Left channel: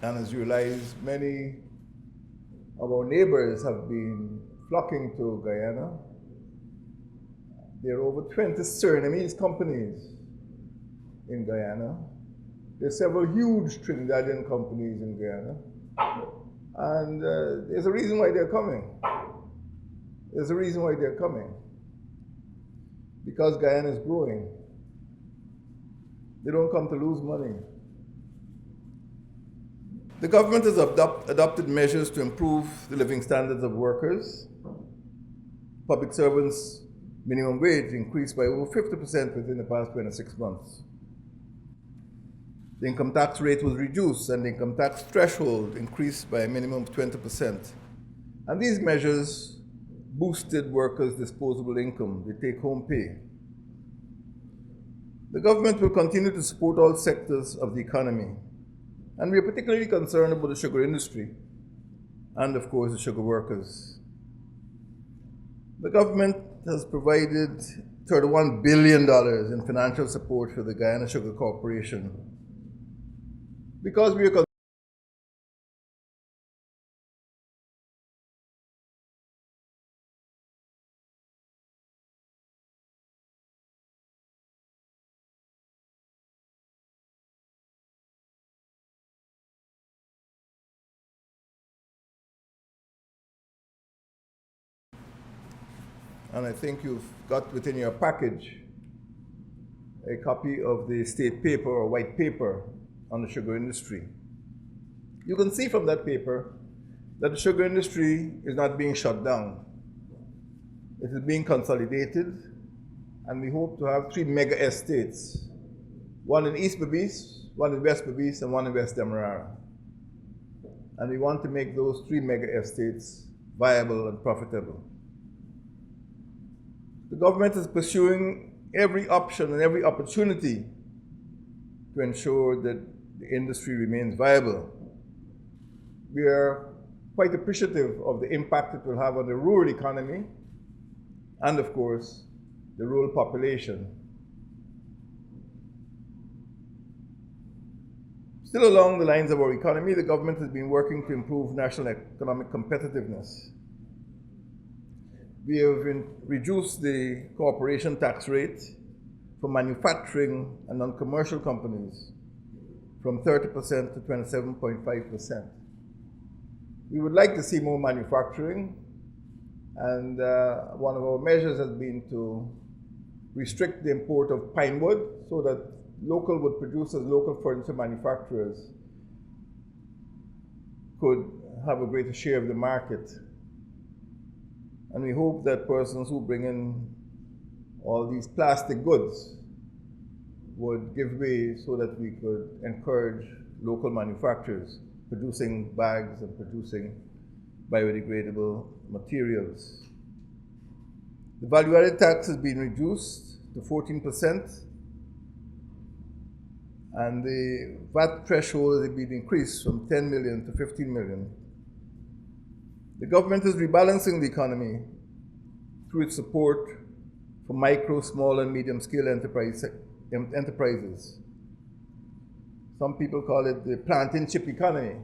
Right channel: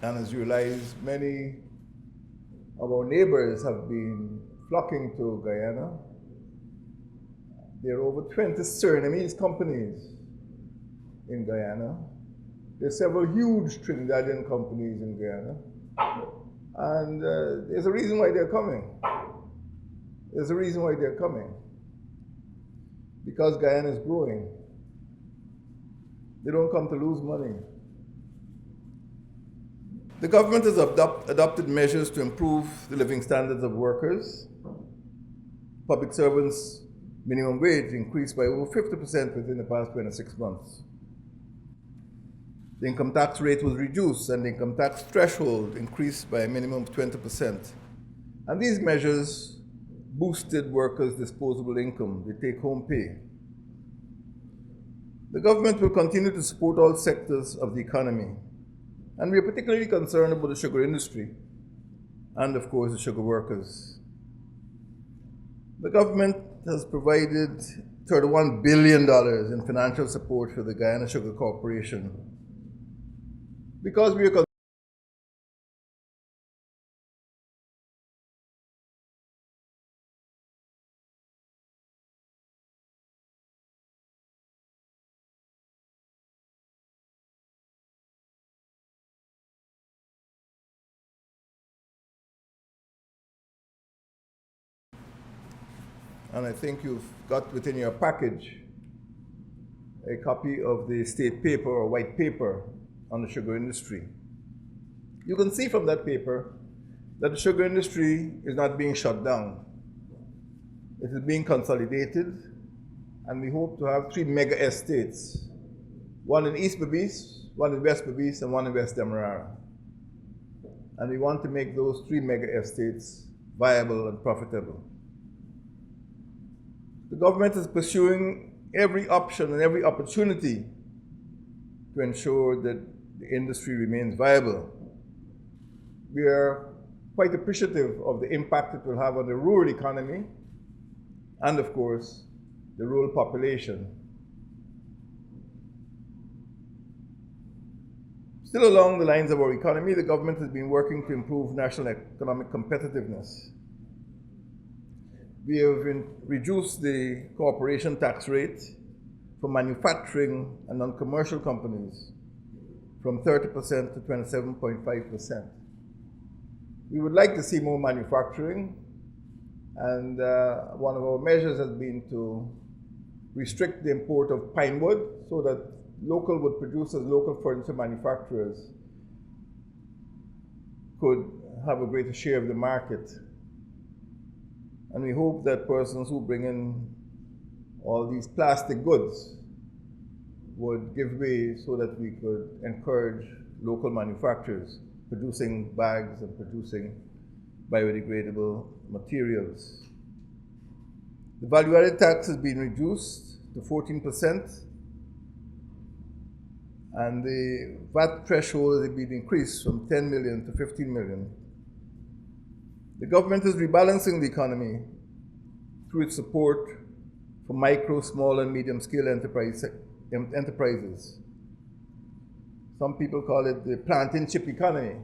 And as you realize, many of our neighbors have been flocking to Guyana. There are over 20 Surinamese companies in Guyana. There are several huge Trinidadian companies in Guyana. And there's a reason why they're coming. There's a reason why they're coming. Because Guyana is growing. They don't come to lose money. The government has adopted measures to improve the living standards of workers. Public servants' minimum wage increased by over 50% within the past 26 months. The income tax rate was reduced and the income tax threshold increased by a minimum of 20%. And these measures boosted workers' disposable income, the take-home pay. The government will continue to support all sectors of the economy. And we are particularly concerned about the sugar industry and, of course, the sugar workers. The government has provided $31 billion in financial support for the Guyana Sugar Corporation because we are and I think you've got within your package a copy of the state paper or white paper on the sugar industry. You can see from that paper that the sugar industry is not being shut down. It is being consolidated, and we hope to have 3 mega estates, one in East Berbice, one in West Berbice, and one in West Demerara. And we want to make those 3 mega estates viable and profitable. The government is pursuing every option and every opportunity to ensure that the industry remains viable. We are quite appreciative of the impact it will have on the rural economy and, of course, the rural population. Still along the lines of our economy, the government has been working to improve national economic competitiveness. We have reduced the corporation tax rate for manufacturing and non-commercial companies from 30% to 27.5%. We would like to see more manufacturing, and one of our measures has been to restrict the import of pine wood so that local wood producers, local furniture manufacturers could have a greater share of the market. And we hope that persons who bring in all these plastic goods would give way so that we could encourage local manufacturers producing bags and producing biodegradable materials. The value-added tax has been reduced to 14%, and the VAT threshold has been increased from 10 million to 15 million. The government is rebalancing the economy through its support for micro, small, and medium-scale enterprises. Some people call it the plant-and-chip economy.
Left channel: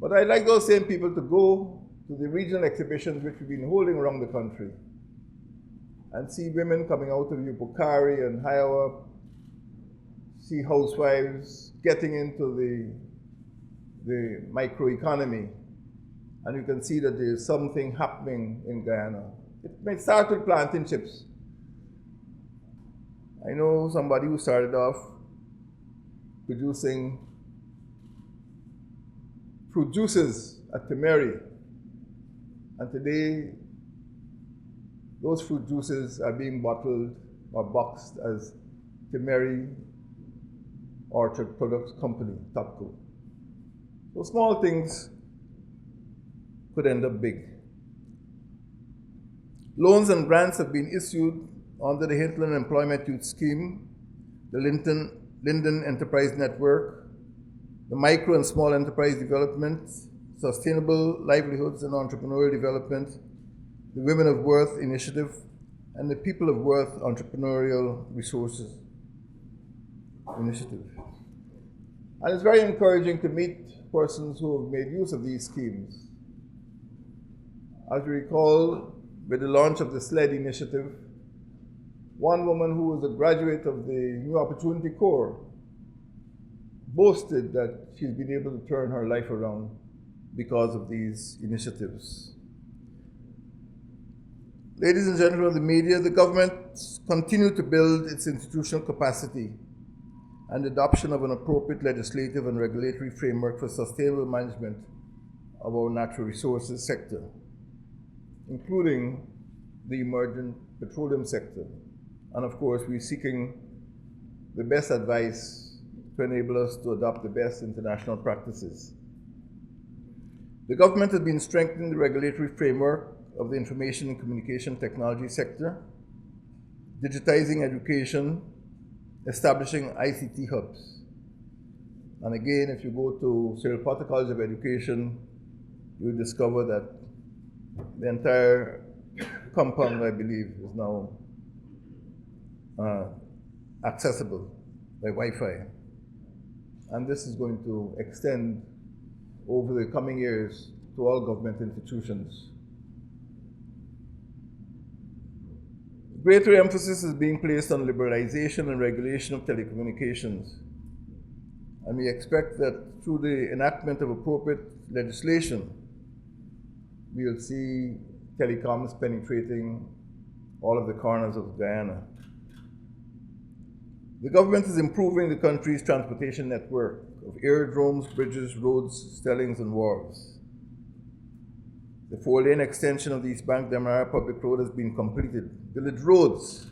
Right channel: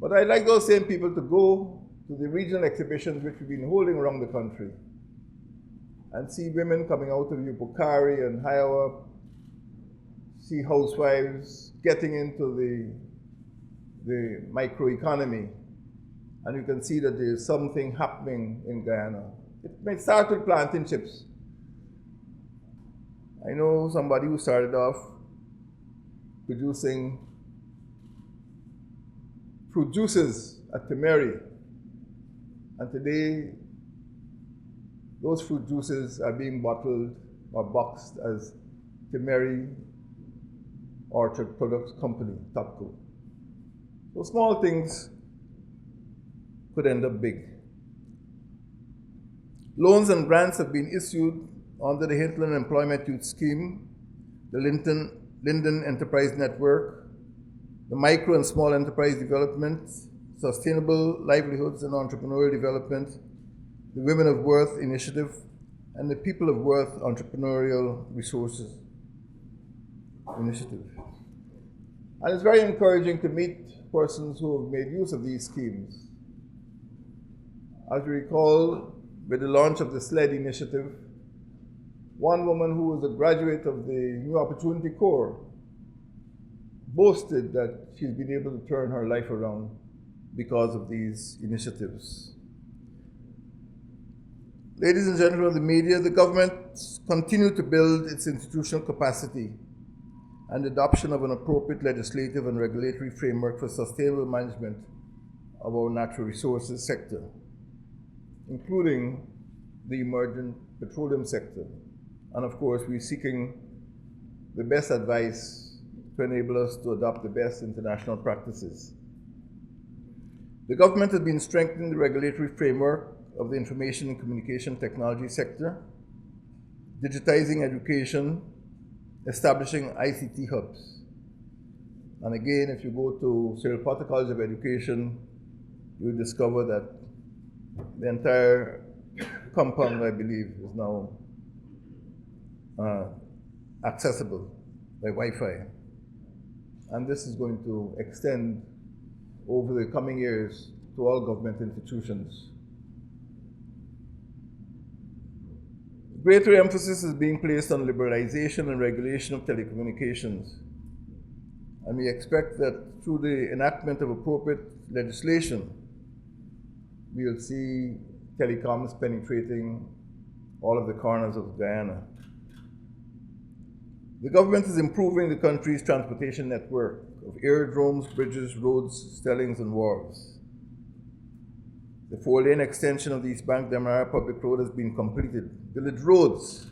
But I'd like those same people to go to the regional exhibitions which we've been holding around the country and see women coming out of Yupukari and Hiowa, see housewives getting into the microeconomy. And you can see that there's something happening in Guyana. It may start with plantain chips. I know somebody who started off producing fruit juices at Temeri. And today, those fruit juices are being bottled or boxed as Temeri Orchard Products Company, TOPCO. So small things could end up big. Loans and grants have been issued under the Hinterland Employment Youth Scheme, the Linden Enterprise Network, the Micro and Small Enterprise Development, Sustainable Livelihoods and Entrepreneurial Development, the Women of Worth Initiative, and the People of Worth Entrepreneurial Resources Initiative. And it's very encouraging to meet persons who have made use of these schemes. As you recall, with the launch of the SLED initiative, one woman who was a graduate of the New Opportunity Corps boasted that she's been able to turn her life around because of these initiatives. Ladies and gentlemen of the media, the government continued to build its institutional capacity and adoption of an appropriate legislative and regulatory framework for sustainable management of our natural resources sector, including the emerging petroleum sector. And of course, we're seeking the best advice to enable us to adopt the best international practices. The government has been strengthening the regulatory framework of the information and communication technology sector, digitizing education, establishing ICT hubs. And again, if you go to Cyril Potter College of Education, you'll discover that the entire compound, I believe, is now accessible by Wi-Fi. And this is going to extend over the coming years to all government institutions. Greater emphasis is being placed on liberalization and regulation of telecommunications. And we expect that through the enactment of appropriate legislation, we'll see telecoms penetrating all of the corners of Guyana. The government is improving the country's transportation network of aerodromes, bridges, roads, stellings, and wharves. The 4-lane extension of the East Bank Demerara Public Road has been completed. Village roads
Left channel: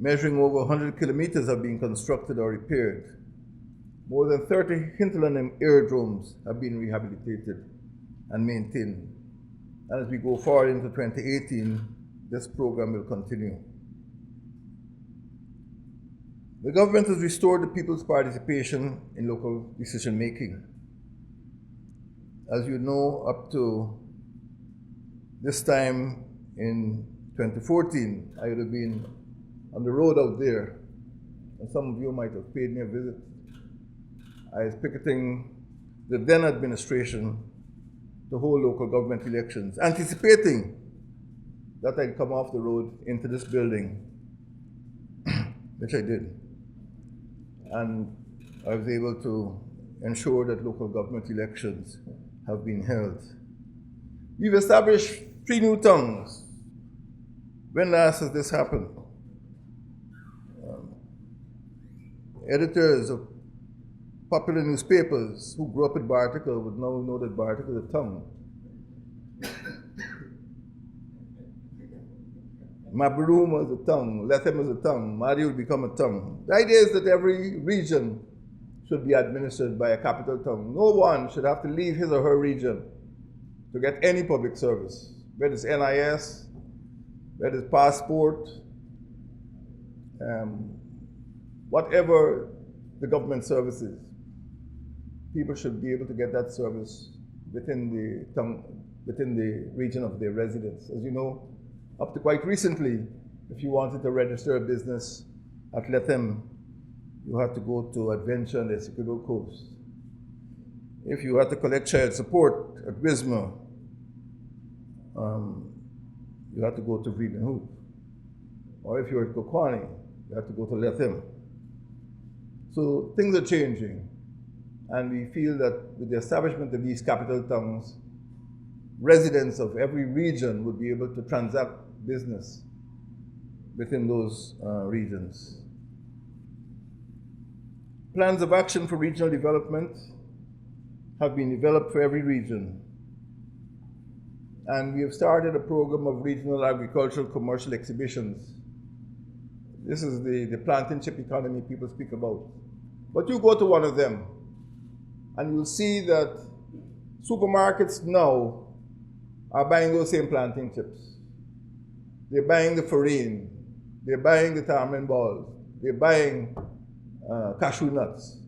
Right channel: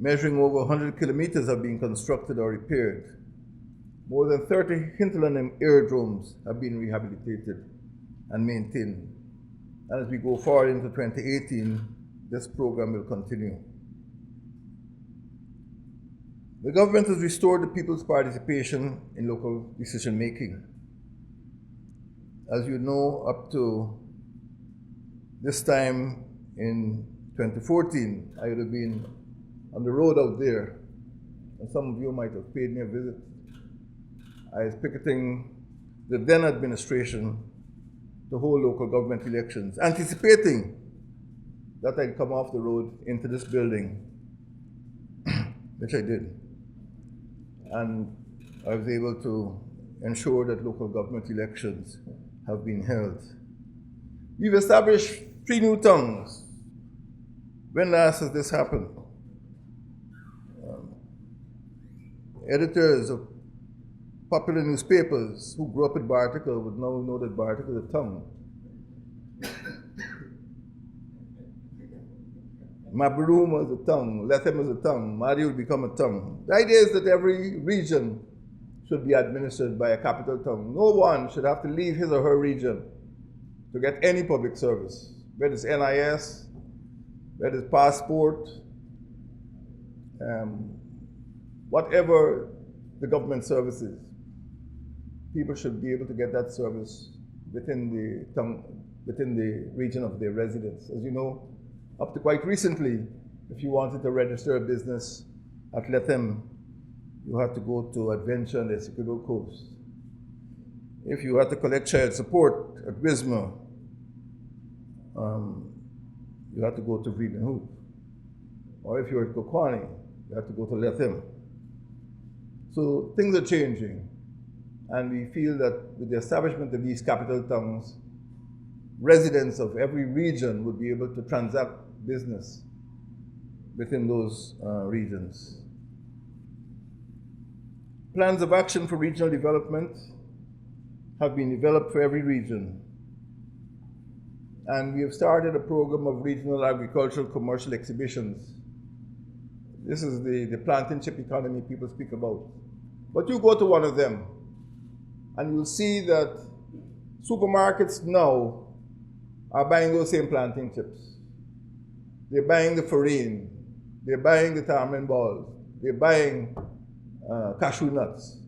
measuring over 100 kilometers have been constructed or repaired. More than 30 hinterland aerodromes have been rehabilitated and maintained. And as we go forward into 2018, this program will continue. The government has restored the people's participation in local decision making. As you know, up to this time in 2014, I would have been on the road out there, and some of you might have paid me a visit. I was picketing the then administration to hold local government elections, anticipating that I'd come off the road into this building, which I did. And I was able to ensure that local government elections have been held. We've established 3 new tongues. When last has this happened? Editors of popular newspapers who grew up at Barticle would now know that Barticle is a tongue. Mabaruma is a tongue, Lethem is a tongue, Madi will become a tongue. The idea is that every region should be administered by a capital tongue. No one should have to leave his or her region to get any public service, whether it's NIS, whether it's passport, whatever the government services. People should be able to get that service within the region of their residence. As you know, up to quite recently, if you wanted to register a business at Lethem, you had to go to Adventure on the Essequibo Coast. If you had to collect child support at Wisma, you had to go to Vreedenhoek. Or if you were at Kokwani, you had to go to Lethem. So things are changing. And we feel that with the establishment of these capital towns, residents of every region would be able to transact business within those regions. Plans of action for regional development have been developed for every region. And we have started a program of regional agricultural commercial exhibitions. This is the plantain chip economy people speak about. But you go to one of them, and you'll see that supermarkets now are buying those same plantain chips. They're buying the farine, they're buying the tamarind balls, they're buying cashew nuts.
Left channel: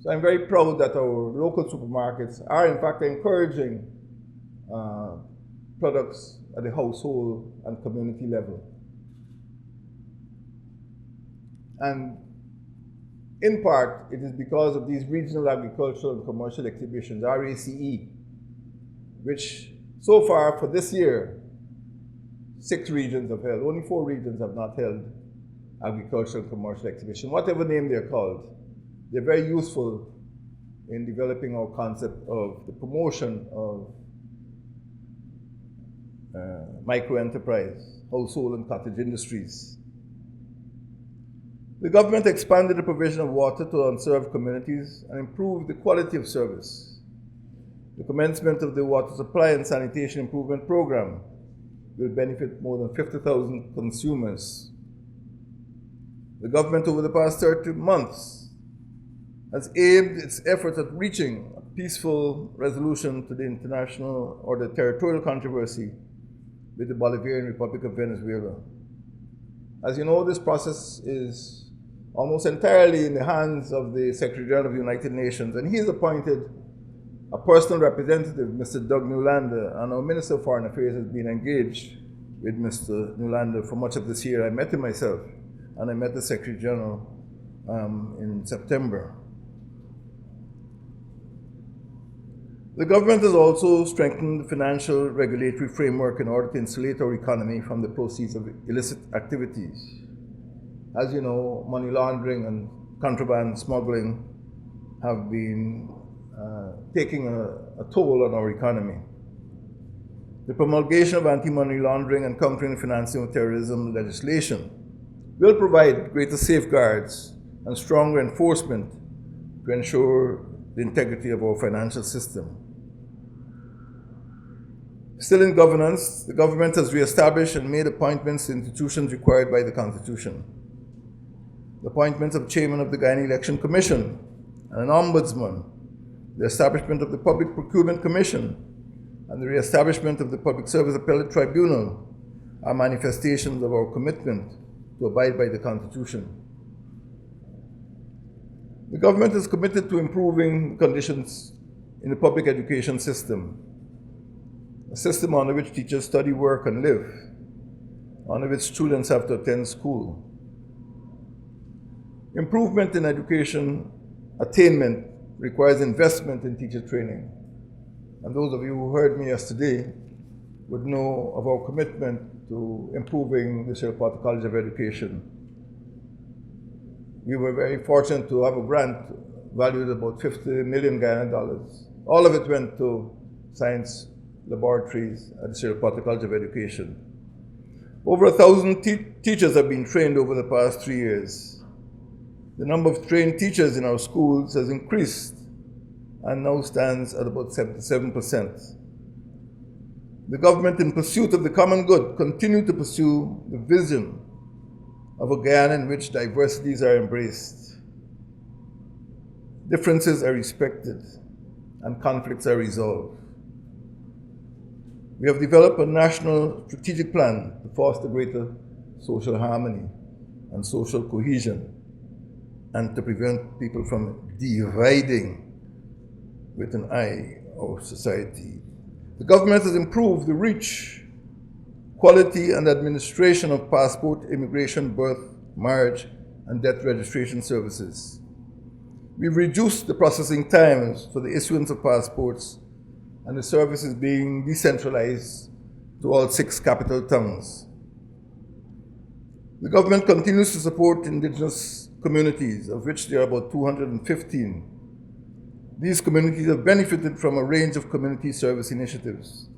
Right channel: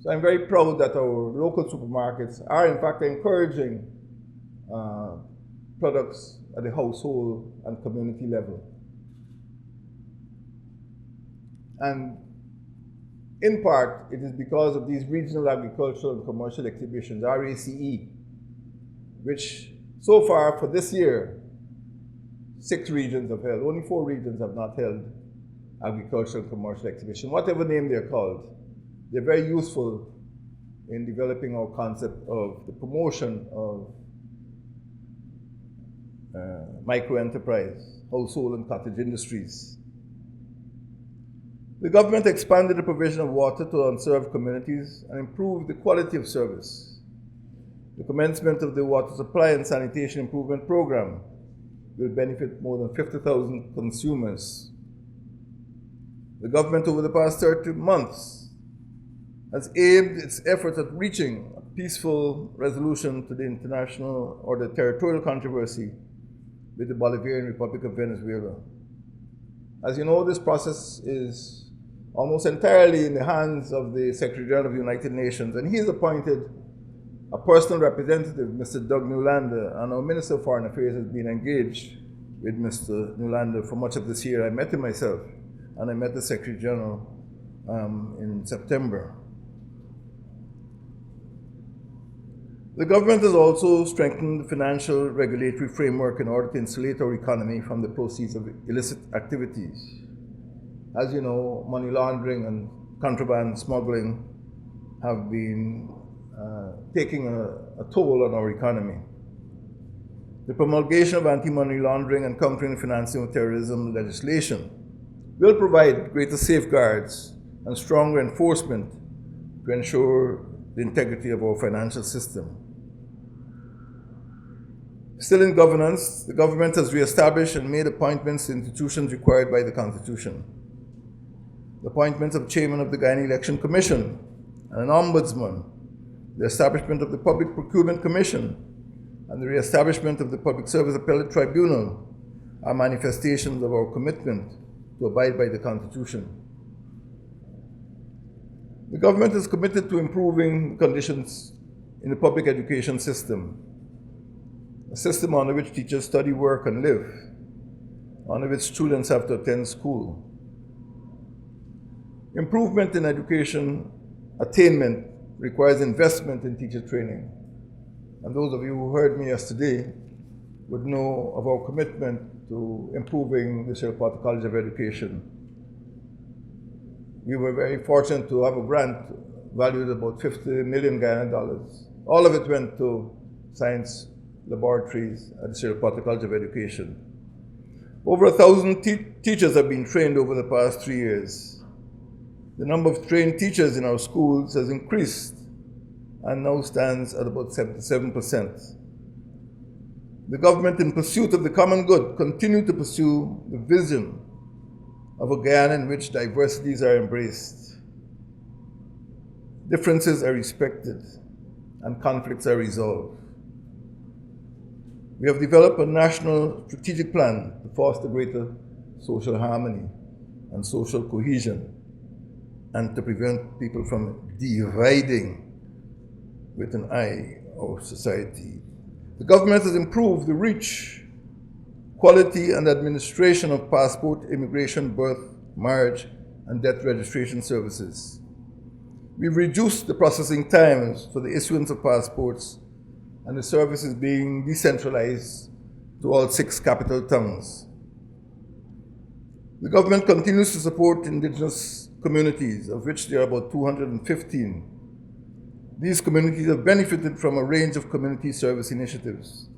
So I'm very proud that our local supermarkets are in fact encouraging products at the household and community level. And In part, it is because of these regional agricultural and commercial exhibitions, RACE, which so far for this year, 6 regions have held. Only 4 regions have not held agricultural and commercial exhibition, whatever name they're called. They're very useful in developing our concept of the promotion of micro-enterprise, household and cottage industries. The government expanded the provision of water to unserved communities and improved the quality of service. The commencement of the water supply and sanitation improvement program will benefit more than 50,000 consumers. The government over the past 30 months has aimed its efforts at reaching a peaceful resolution to the international or the territorial controversy with the Bolivarian Republic of Venezuela. As you know, this process is almost entirely in the hands of the Secretary-General of the United Nations, and he has appointed a personal representative, Mr. Doug Newlander, and our Minister of Foreign Affairs has been engaged with Mr. Newlander for much of this year. I met him myself, and I met the Secretary-General in September. The government has also strengthened the financial regulatory framework in order to insulate our economy from the proceeds of illicit activities. As you know, money laundering and contraband smuggling have been taking a toll on our economy. The promulgation of anti-money laundering and countering the financing of terrorism legislation will provide greater safeguards and stronger enforcement to ensure the integrity of our financial system. Still in governance, the government has re-established and made appointments to institutions required by the Constitution. The appointments of Chairman of the Guyana Election Commission and an Ombudsman, the establishment of the Public Procurement Commission, and the re-establishment of the Public Service Appellate Tribunal are manifestations of our commitment to abide by the Constitution. The government is committed to improving conditions in the public education system, a system under which teachers study, work, and live, under which students have to attend school. Improvement in education attainment requires investment in teacher training. And those of you who heard me yesterday would know of our commitment to improving the Sheripata College of Education. We were very fortunate to have a grant valued at about 50 million Guyana dollars. All of it went to science laboratories at the Sheripata College of Education. Over 1,000 teachers have been trained over the past 3 years. The number of trained teachers in our schools has increased and now stands at about 77%. The government, in pursuit of the common good, continue to pursue the vision of a Guyana in which diversities are embraced, differences are respected, and conflicts are resolved. We have developed a national strategic plan to foster greater social harmony and social cohesion, and to prevent people from dividing with an eye our society. The government has improved the reach, quality, and administration of passport, immigration, birth, marriage, and death registration services. We've reduced the processing times for the issuance of passports, and the service is being decentralized to all 6 capital towns. The government continues to support indigenous communities, of which there are about 215. These communities have benefited from a range of community service initiatives,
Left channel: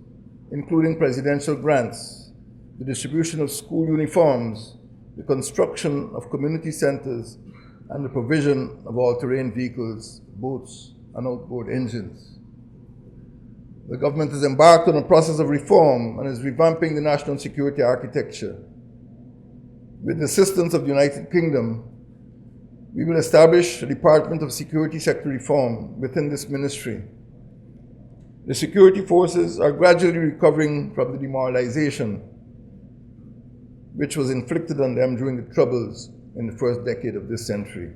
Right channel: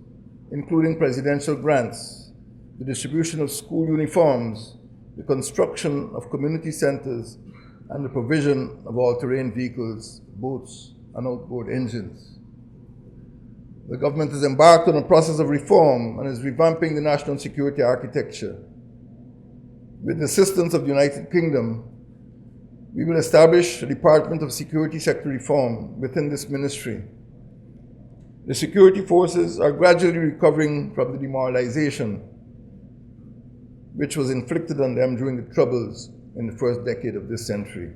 including presidential grants, the distribution of school uniforms, the construction of community centers, and the provision of all-terrain vehicles, boats, and outboard engines. The government has embarked on a process of reform and is revamping the national security architecture. With the assistance of the United Kingdom, we will establish a Department of Security Sector Reform within this ministry. The security forces are gradually recovering from the demoralization which was inflicted on them during the troubles in the first decade of this century.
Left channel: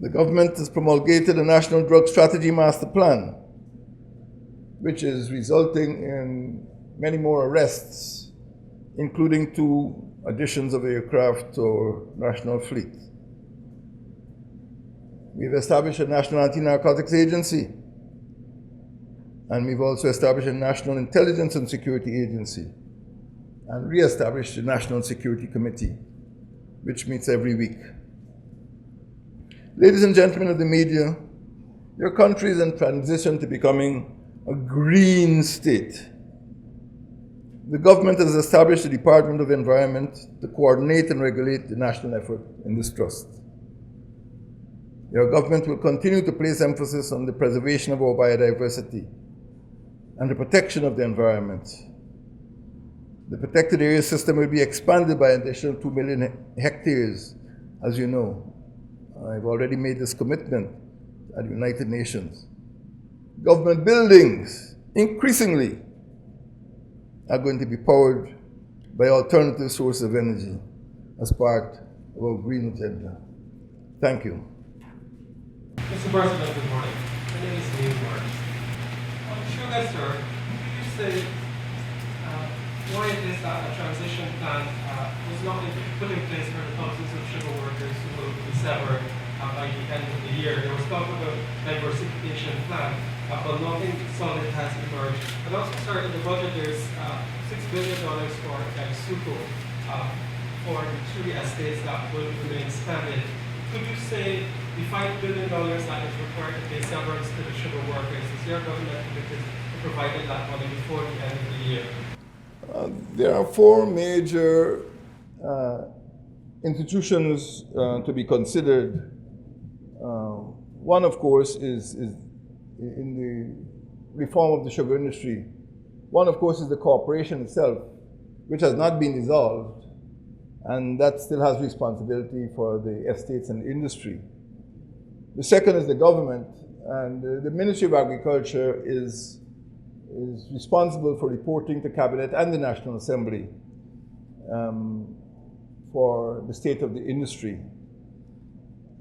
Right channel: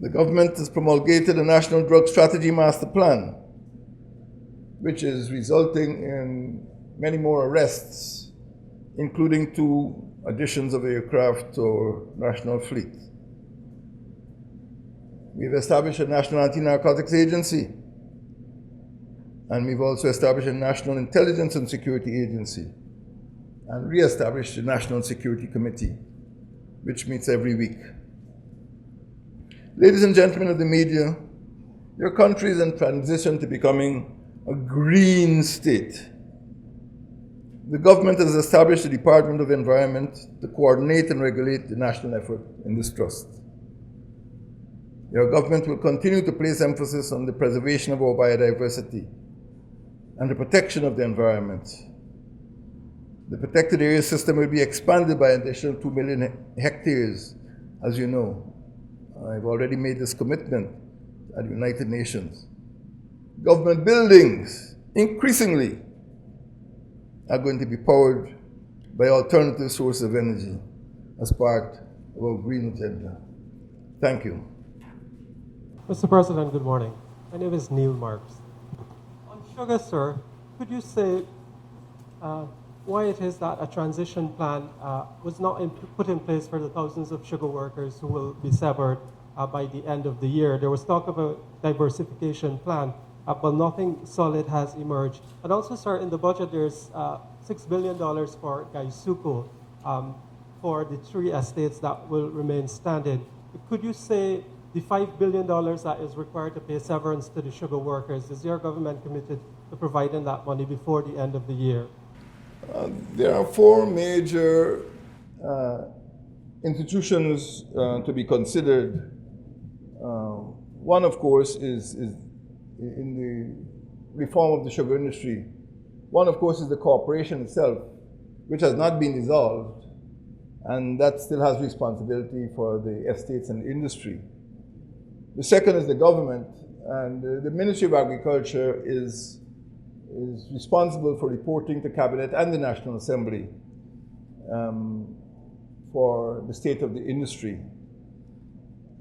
The government has promulgated a National Drug Strategy Master Plan, which is resulting in many more arrests, including 2 additions of aircraft to our national fleet. We've established a National Anti-Narcotics Agency, and we've also established a National Intelligence and Security Agency, and re-established the National Security Committee, which meets every week. Ladies and gentlemen of the media, your country is in transition to becoming a green state. The government has established the Department of Environment to coordinate and regulate the national effort in this trust. Your government will continue to place emphasis on the preservation of our biodiversity and the protection of the environment. The protected area system will be expanded by an additional 2 million hectares, as you know. I've already made this commitment at the United Nations. Government buildings, increasingly, are going to be powered by alternative sources of energy as part of our green agenda. Thank you. Mr. President, good morning. My name is Neil Marks. Sugar, sir, could you say why it is that a transition plan was not put in place for the thousands of sugar workers who will be severed by the end of the year? There was talk of a diversification plan, but nothing solid has emerged. And also, sir, in the budget there's $6 billion for SUCO for the 3 estates that will remain stranded. Could you say the $5 billion that is required to pay severance to the sugar workers, is your government committed to providing that money before the end of the year? There are 4 major institutions to be considered. One, of course, is in the reform of the sugar industry. One, of course, is the corporation itself, which has not been dissolved, and that still has responsibility for the estates and the industry. The second is the government, and the Ministry of Agriculture is responsible for reporting to Cabinet and the National Assembly for the state of the industry.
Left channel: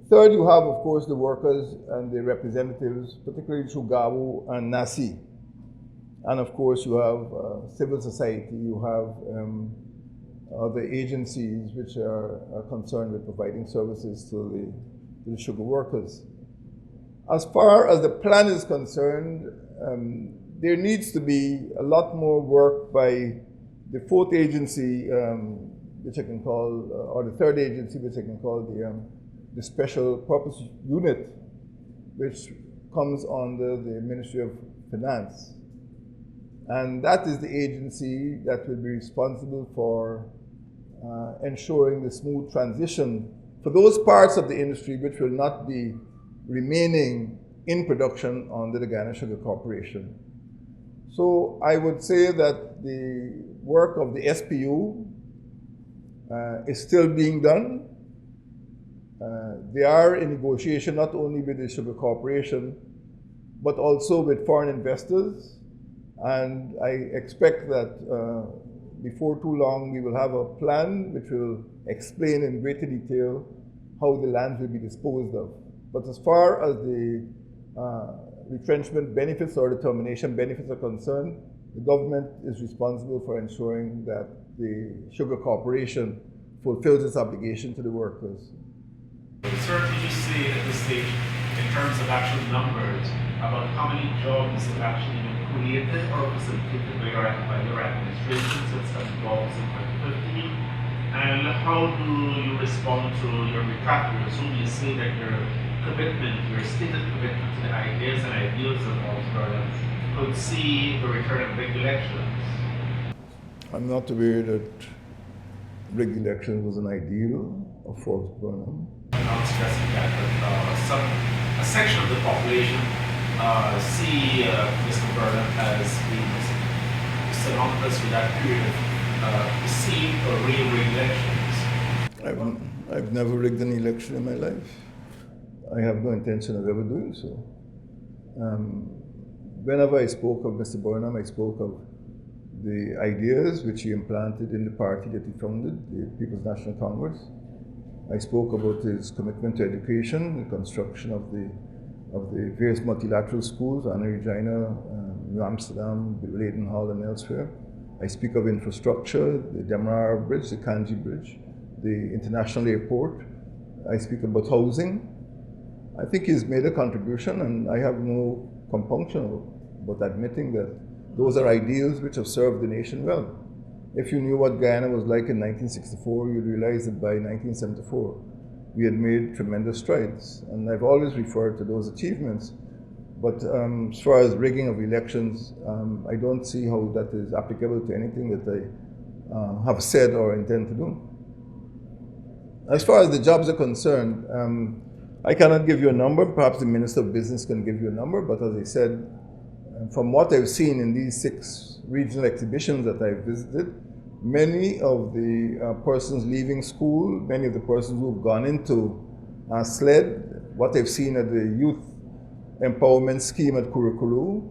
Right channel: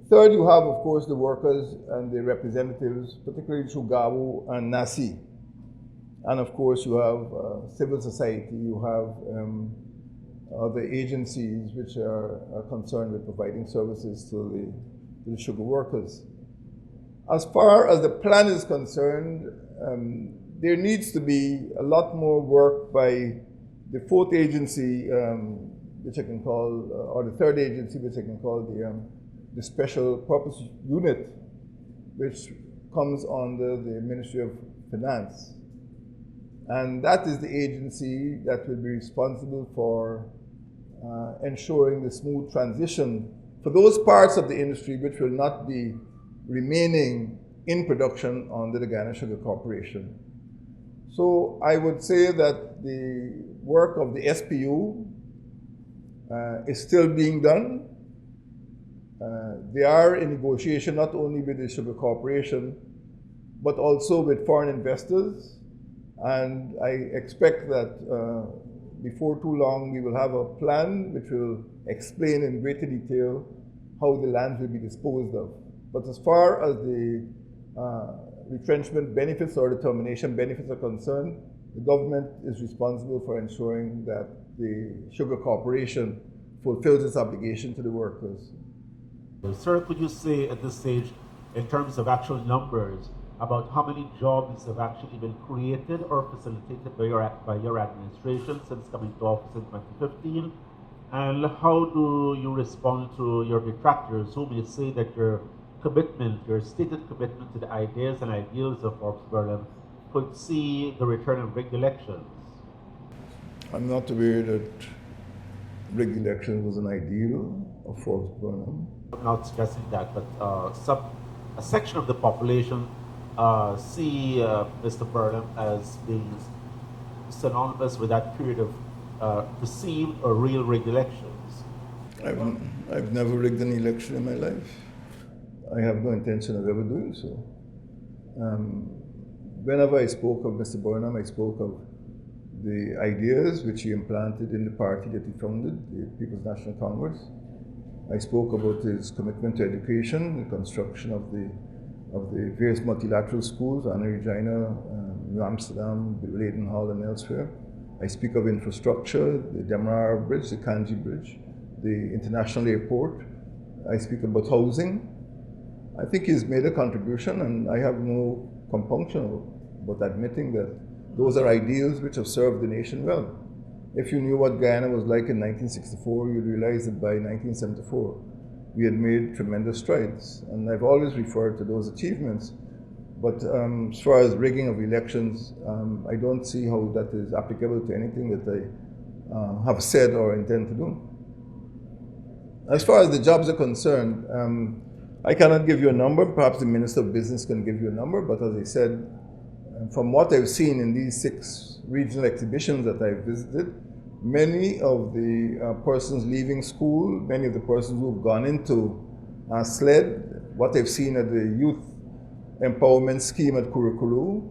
Third, you have, of course, the workers and the representatives, particularly through GAWU and NASI. And of course, you have civil society, you have other agencies which are concerned with providing services to the sugar workers. As far as the plan is concerned, there needs to be a lot more work by the 4th agency, which I can call, or the 3rd agency, which I can call the Special Purpose Unit, which comes under the Ministry of Finance. And that is the agency that will be responsible for ensuring the smooth transition for those parts of the industry which will not be remaining in production under the Guyana Sugar Corporation. So I would say that the work of the SPU is still being done. They are in negotiation not only with the Sugar Corporation, but also with foreign investors. And I expect that before too long, we will have a plan which will explain in greater detail how the land will be disposed of. But as far as the retrenchment benefits or the termination benefits are concerned, the government is responsible for ensuring that the Sugar Corporation fulfills its obligation to the workers. Sir, could you say at this stage, in terms of actual numbers, about how many jobs have actually been created or facilitated by your administration since coming to office in 2015? And how do you respond to your detractors whom you say that your commitment, your stated commitment to the ideas and ideals of Burnham could see the return of big elections? I'm not aware that rigged elections was an ideal of Forbes Burnham. Not stressing that, but a section of the population see Mr. Burnham as being synonymous with that period of perceived or real rigged elections. I've never rigged an election in my life. I have no intention of ever doing so. Whenever I spoke of Mr. Burnham, I spoke of the ideas which he implanted in the party that he founded, the People's National Congress. I spoke about his commitment to education, the construction of the various multilateral schools, Anna Regina, New Amsterdam, Leiden Hall, and elsewhere. I speak of infrastructure, the Demerara Bridge, the Kanji Bridge, the international airport. I speak about housing. I think he's made a contribution, and I have no compunction about admitting that those are ideals which have served the nation well. If you knew what Guyana was like in 1964, you'd realize that by 1974, we had made tremendous strides. And I've always referred to those achievements. But as far as rigging of elections, I don't see how that is applicable to anything that I have said or intend to do. As far as the jobs are concerned, I cannot give you a number. Perhaps the Minister of Business can give you a number, but as I said, from what I've seen in these 6 regional exhibitions that I've visited, many of the persons leaving school, many of the persons who've gone into SLED, what I've seen at the youth empowerment scheme at Kurukuru,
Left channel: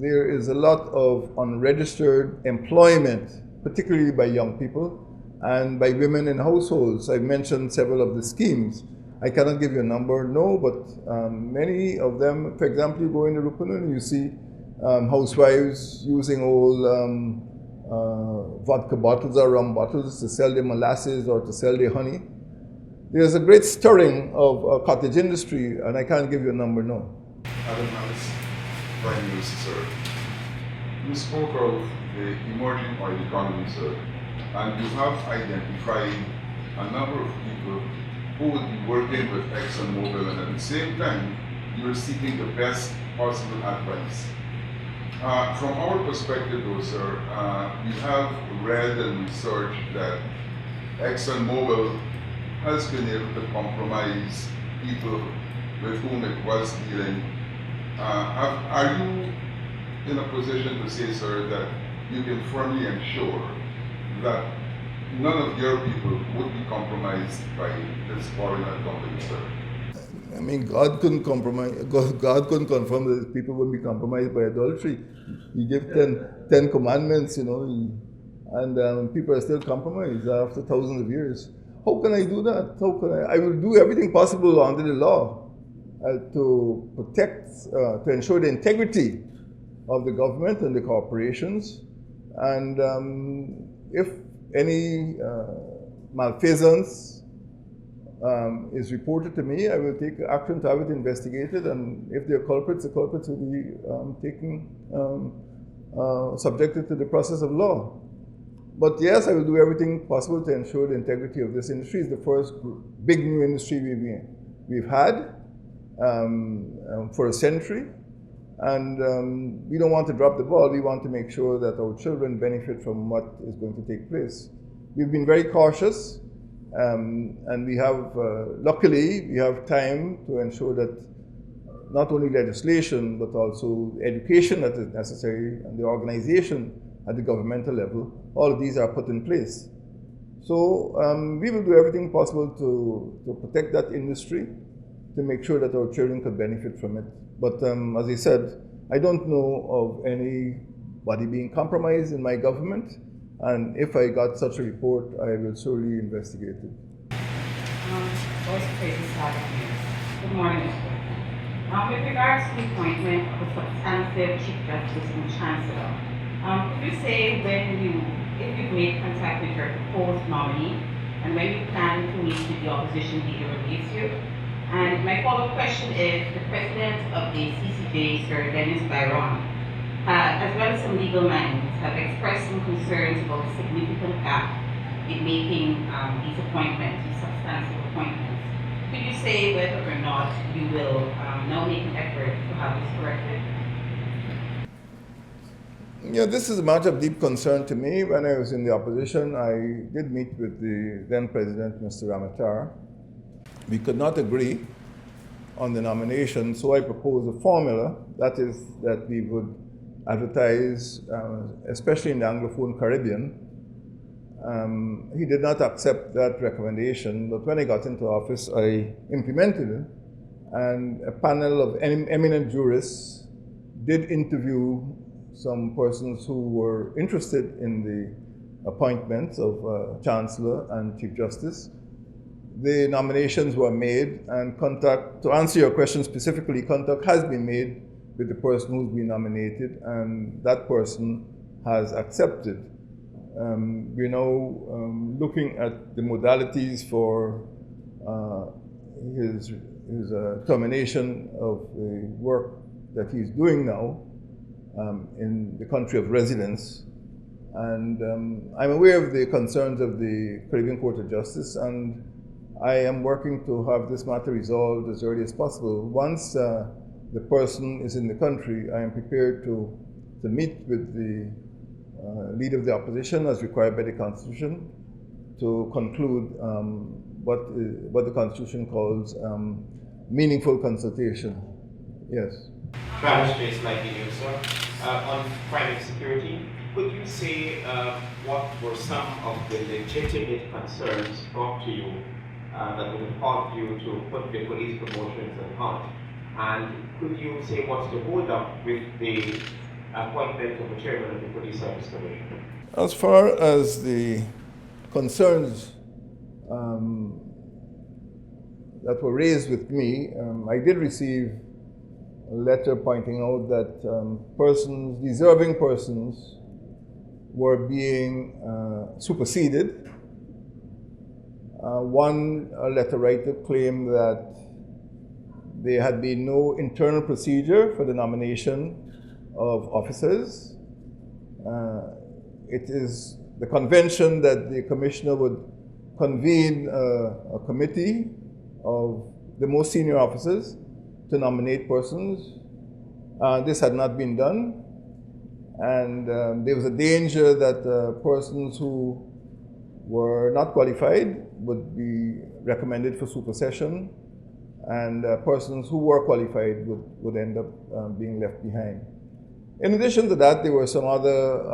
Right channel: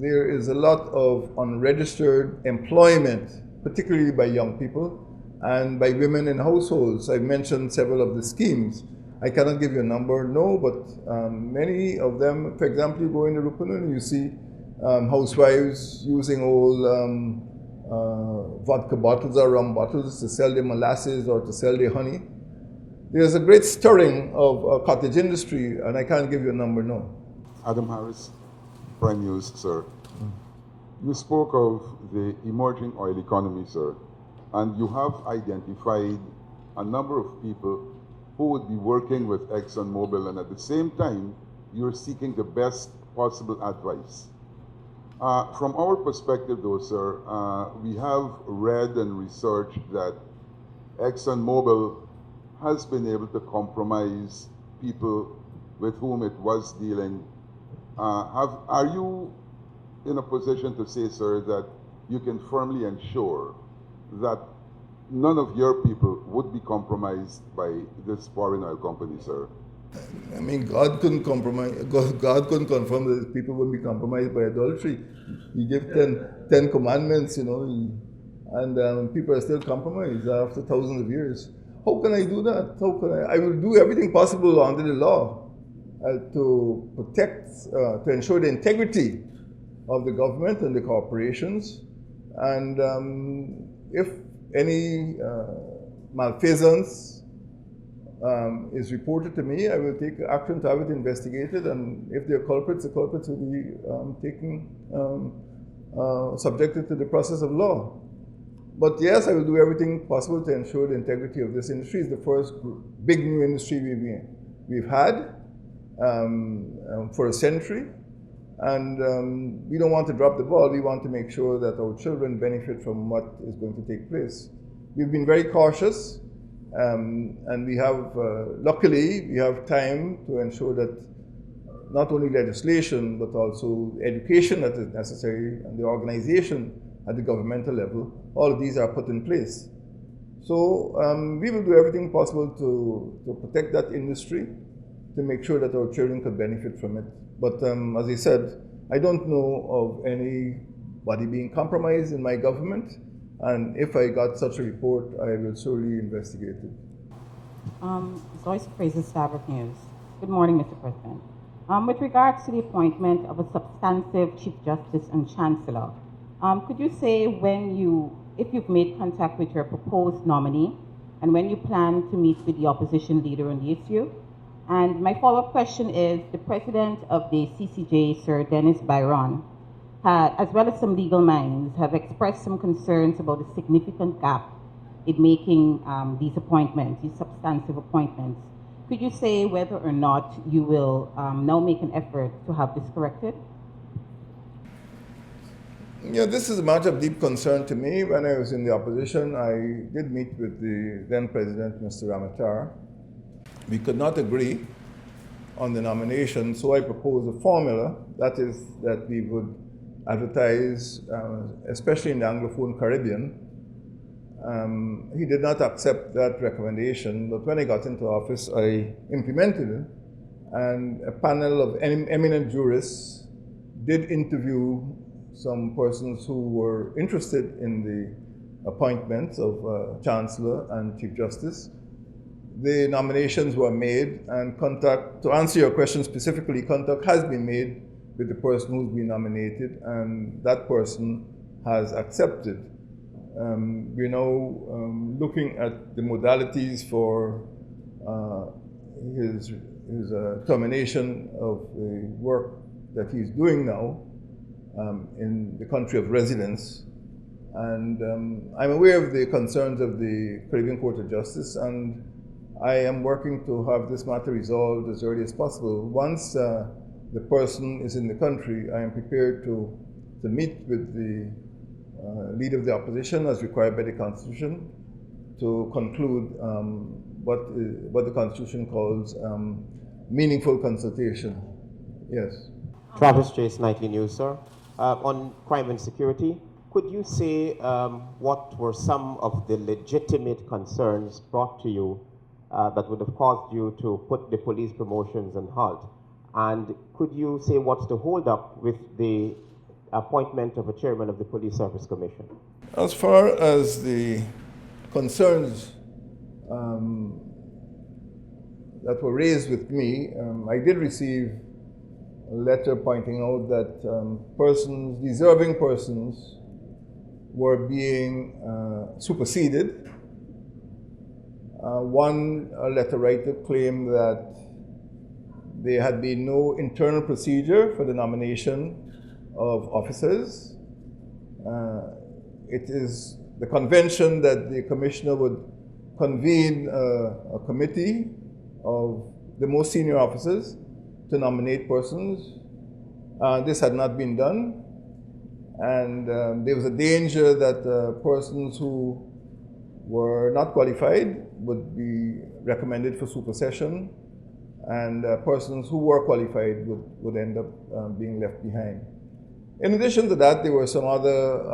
there is a lot of unregistered employment, particularly by young people and by women in households. I've mentioned several of the schemes. I cannot give you a number, no, but many of them, for example, you go into Rupunun and you see housewives using old vodka bottles or rum bottles to sell their molasses or to sell their honey. There's a great stirring of cottage industry, and I can't give you a number, no. Adam Harris, Prime Minister, sir. You spoke of the emerging oil economy, sir, and you have identified a number of people who would be working with ExxonMobil, and at the same time, you're seeking the best possible advice. From our perspective, though, sir, we have read and researched that ExxonMobil has been able to compromise people with whom it was dealing. Are you in a position to say, sir, that you can firmly ensure that none of your people would be compromised by this foreign oil company, sir? I mean, God couldn't compromise. God couldn't confirm that people would be compromised by adultery. He gave 10 commandments, you know, and people are still compromised after thousands of years. How can I do that? How can I will do everything possible under the law to protect, to ensure the integrity of the government and the corporations. And if any malfeasance is reported to me, I will take action to have it investigated, and if there are culprits, the culprits will be subjected to the process of law. But yes, I will do everything possible to ensure the integrity of this industry. It's the first big new industry we've had for a century, and we don't want to drop the ball. We want to make sure that our children benefit from what is going to take place. We've been very cautious. And we have, luckily, we have time to ensure that not only legislation, but also education that is necessary and the organization at the governmental level, all of these are put in place. So we will do everything possible to protect that industry, to make sure that our children could benefit from it. But as I said, I don't know of anybody being compromised in my government. And if I got such a report, I will surely investigate it. Vice President Sabbath News. Good morning, Mr. President. With regards to the appointment of a substantive Chief Justice and Chancellor, could you say if you've made contact with your proposed nominee, and when you plan to meet with the opposition leader on the issue? And my follow-up question is, the President of the CCJ, Sir Dennis Byron, as well as some legal minds, have expressed some concerns about the significant gap in making these appointments, these substantive appointments. Could you say whether or not you will now make an effort to have this corrected? Yeah, this is a matter of deep concern to me. When I was in the opposition, I did meet with the then President, Mr. Ramatar. We could not agree on the nomination, so I proposed a formula, that is, that we would advertise, especially in the Anglophone Caribbean. He did not accept that recommendation, but when I got into office, I implemented it, and a panel of eminent jurists did interview some persons who were interested in the appointments of Chancellor and Chief Justice. The nominations were made, and contact, to answer your question specifically, contact has been made with the person who's been nominated, and that person has accepted. We're now looking at the modalities for his his termination of the work that he's doing now in the country of residence. And I'm aware of the concerns of the Caribbean Court of Justice, and I am working to have this matter resolved as early as possible. Once the person is in the country, I am prepared to meet with the leader of the opposition as required by the Constitution to conclude what the Constitution calls meaningful consultation. Yes. Travis Chase, 19 News, sir. On crime and security, could you say what were some of the legitimate concerns brought to you that would have caused you to put the police promotions on halt? And could you say what's the hold up with the appointment of a chairman of the Police Service Commission? As far as the concerns that were raised with me, I did receive a letter pointing out that deserving persons were being superseded. One letter writer claimed that there had been no internal procedure for the nomination of officers. It is the convention that the commissioner would convene a committee of the most senior officers to nominate persons. This had not been done. And there was a danger that persons who were not qualified would be recommended for supersession, and persons who were qualified would end up being left behind. In addition to that, there were some other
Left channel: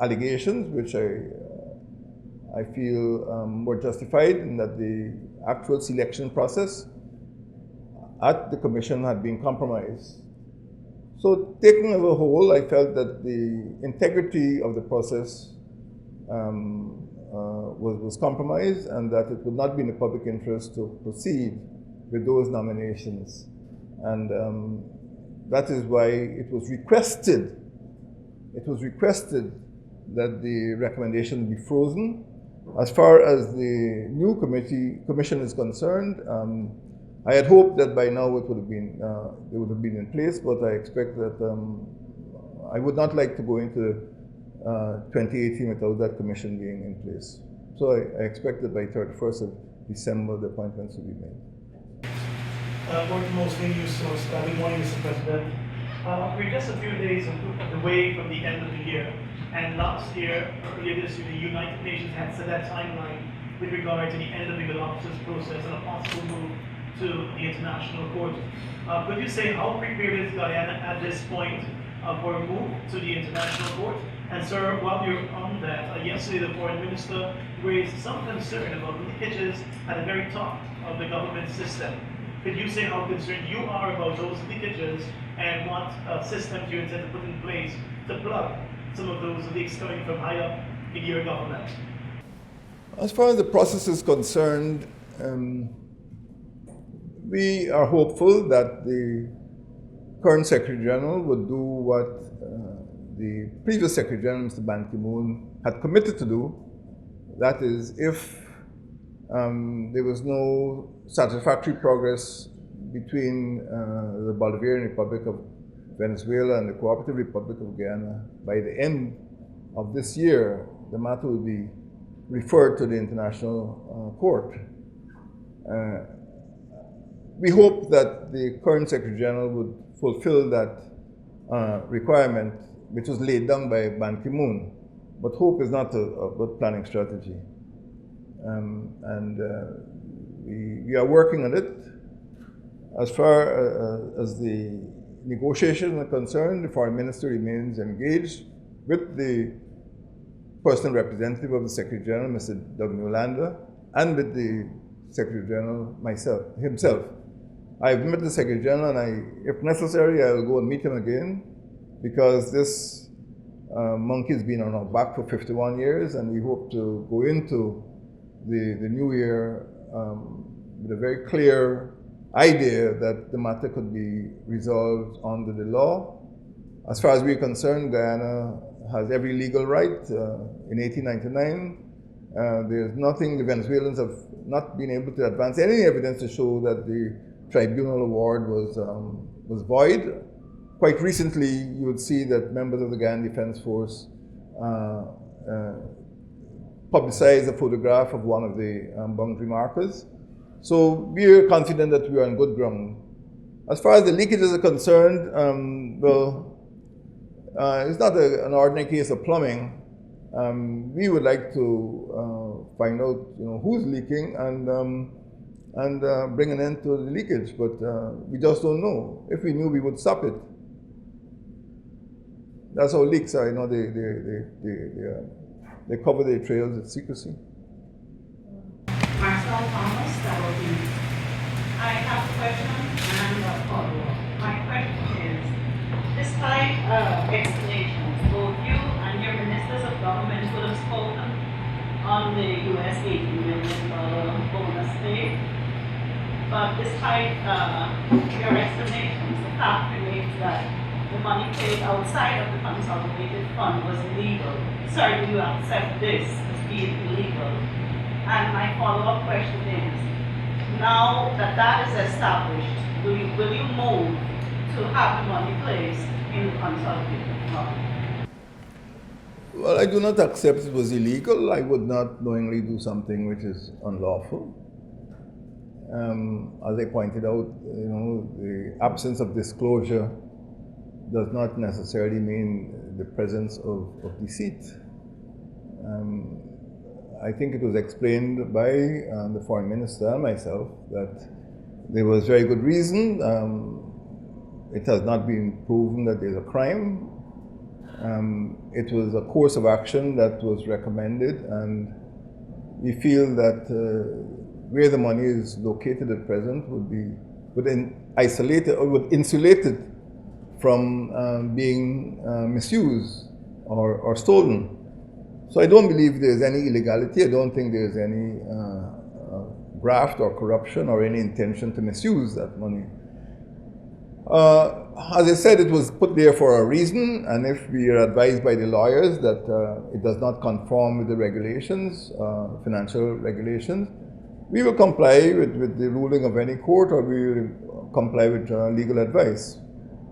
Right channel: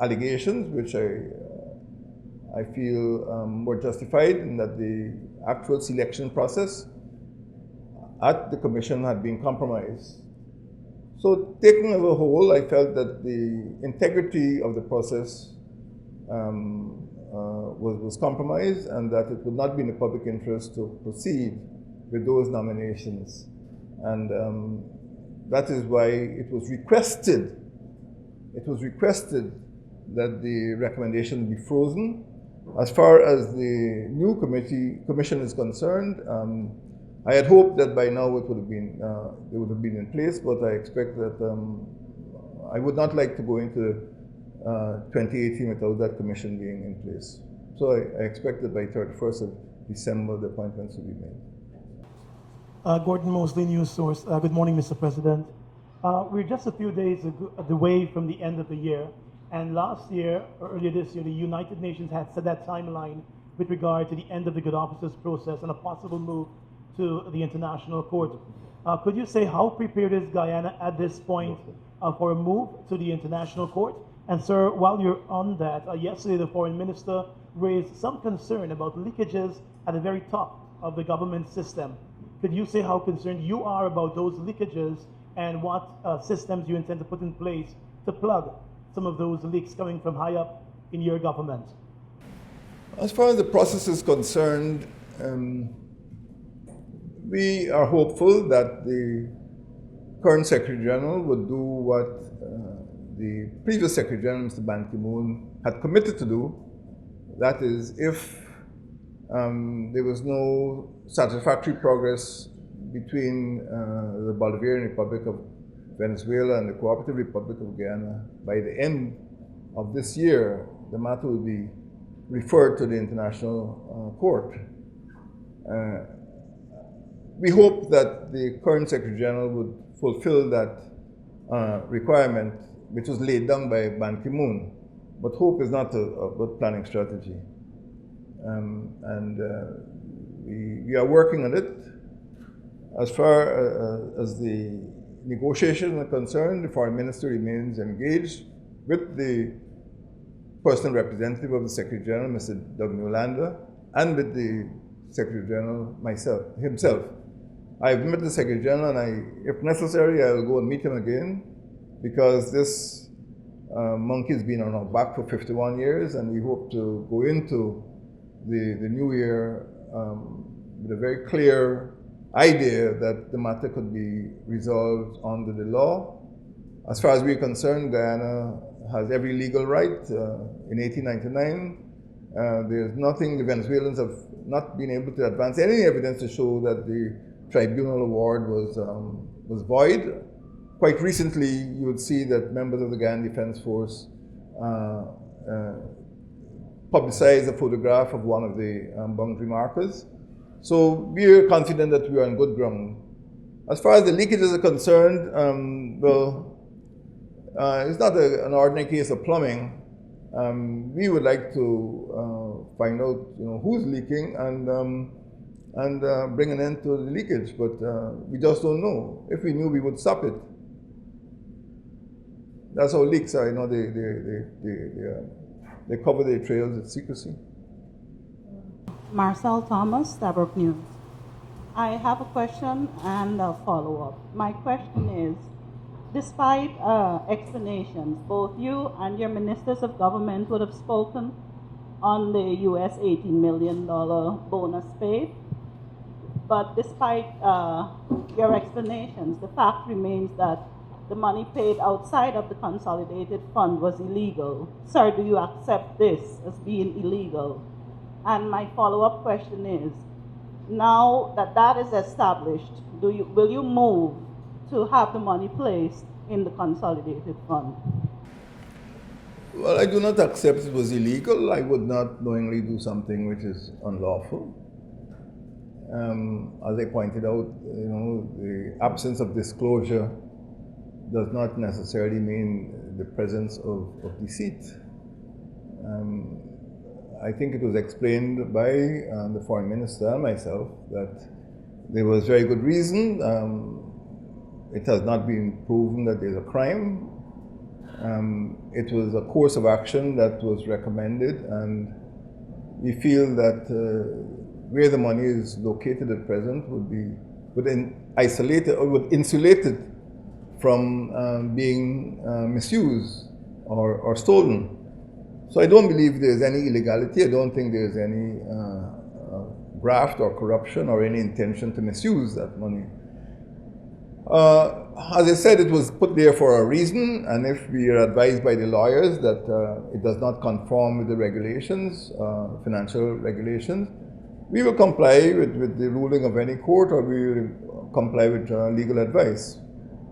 allegations which I feel were justified, in that the actual selection process at the commission had been compromised. So taken as a whole, I felt that the integrity of the process was compromised, and that it would not be in the public interest to proceed with those nominations. And that is why it was requested that the recommendation be frozen. As far as the new commission is concerned, I had hoped that by now it would have been in place, but I expect that I would not like to go into 2018 without that commission being in place. So I expect that by 31st of December the appointments will be made. Gordon Mosley, News Source. Good morning, Mr. President. We're just a few days away from the end of the year, and last year, earlier this year, the United Nations had set that timeline with regard to the end of the good officers process and a possible move to the International Court. Could you say how prepared is Guyana at this point for a move to the International Court? And sir, while you're on that, yesterday the Foreign Minister raised some concern about leakages at the very top of the government system. Could you say how concerned you are about those leakages and what systems you intend to put in place to plug some of those leaks coming from high up in your government? As far as the process is concerned, we are hopeful that the current Secretary General would do what the previous Secretary General, Mr. Ban Ki-moon, had committed to do. That is, if there was no satisfactory progress between the Bolivarian Republic of Venezuela and the Cooperative Republic of Guyana, by the end of this year, the matter will be referred to the International Court. We hope that the current Secretary General would fulfill that requirement, which was laid down by Ban Ki-moon. But hope is not a good planning strategy. We are working on it. As far as the negotiations are concerned, the Foreign Minister remains engaged with the personal representative of the Secretary General, Mr. Doug Newlander, and with the Secretary General himself. I've met the Secretary General, and if necessary, I will go and meet him again, because this monkey's been on our back for 51 years, and we hope to go into the new year with a very clear idea that the matter could be resolved under the law. As far as we're concerned, Guyana has every legal right. In 1899, There's nothing, the Venezuelans have not been able to advance any evidence to show that the tribunal award was void. Quite recently, you would see that members of the Guyana Defense Force publicized a photograph of one of the boundary markers. So we are confident that we are on good ground. As far as the leakages are concerned, it's not an ordinary case of plumbing. We would like to find out, who's leaking and bring an end to the leakage, but we just don't know. If we knew, we would stop it. That's how leaks are. They cover their trails with secrecy. Marcel Thomas, WP. I have a question and a follow-up. My question is, despite explanations, both you and your ministers of government would have spoken on the US $80 million bonus pay, but despite your explanations, the fact remains that the money paid outside of the consolidated fund was illegal. Sir, do you accept this as being illegal? And my follow-up question is, now that that is established, will you move to have the money placed in the consolidated fund? Well, I do not accept it was illegal. I would not knowingly do something which is unlawful. As I pointed out, the absence of disclosure does not necessarily mean the presence of deceit. I think it was explained by the foreign minister and myself that there was very good reason. It has not been proven that there's a crime. It was a course of action that was recommended, and we feel that where the money is located at present would insulate it from being misused or stolen. So I don't believe there's any illegality. I don't think there's any graft or corruption or any intention to misuse that money. As I said, it was put there for a reason, and if we are advised by the lawyers that it does not conform with the regulations, financial regulations, we will comply with the ruling of any court, or we will comply with legal advice.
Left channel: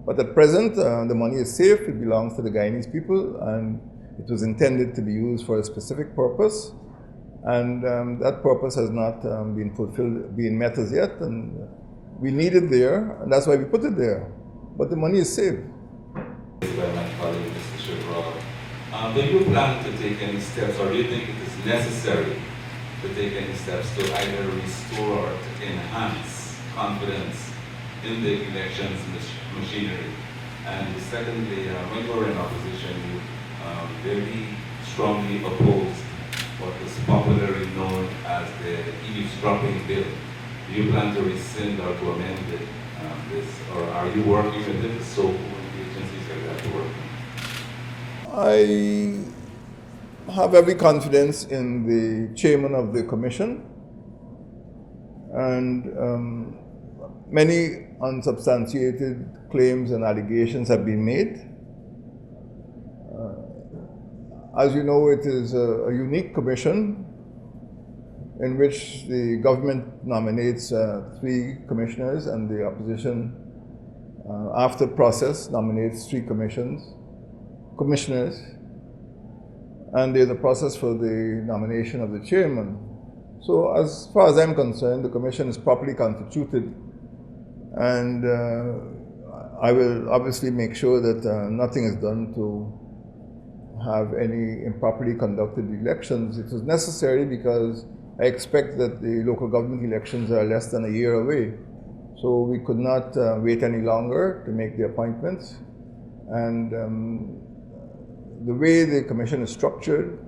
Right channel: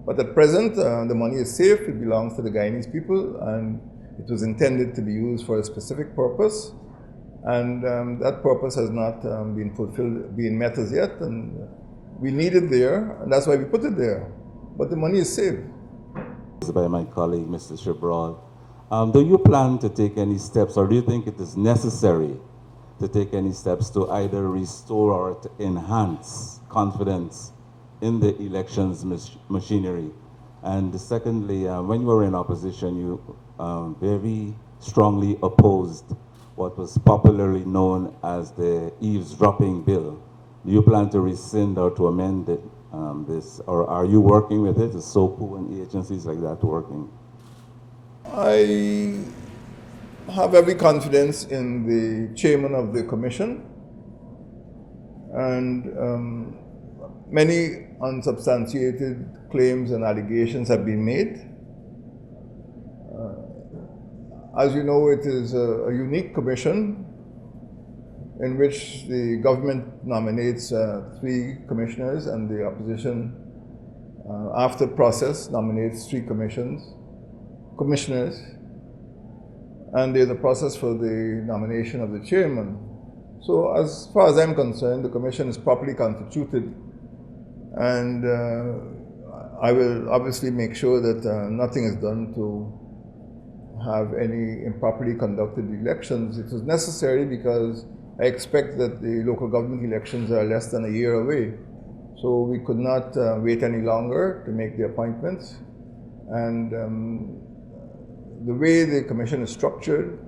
But at present, the money is safe. It belongs to the Guyanese people, and it was intended to be used for a specific purpose, and that purpose has not been met as yet, and we need it there, and that's why we put it there. But the money is saved. By my colleague, Mr. Shibrod. Do you plan to take any steps, or do you think it is necessary to take any steps to either restore or to enhance confidence in the elections machinery? And secondly, when you were in opposition, you very strongly opposed what was popularly known as the eavesdropping bill. Do you plan to rescind or to amend it, this, or are you working with it? Is SOCO and agencies like that working? I have every confidence in the chairman of the commission, and many unsubstantiated claims and allegations have been made. As you know, it is a unique commission in which the government nominates 3 commissioners, and the opposition, after process, nominates 3 commissioners. And there's a process for the nomination of the chairman. So as far as I'm concerned, the commission is properly constituted, and I will obviously make sure that nothing is done to have any improperly conducted elections. It was necessary because I expect that the local government elections are less than a year away. So we could not wait any longer to make the appointments. And the way the commission is structured,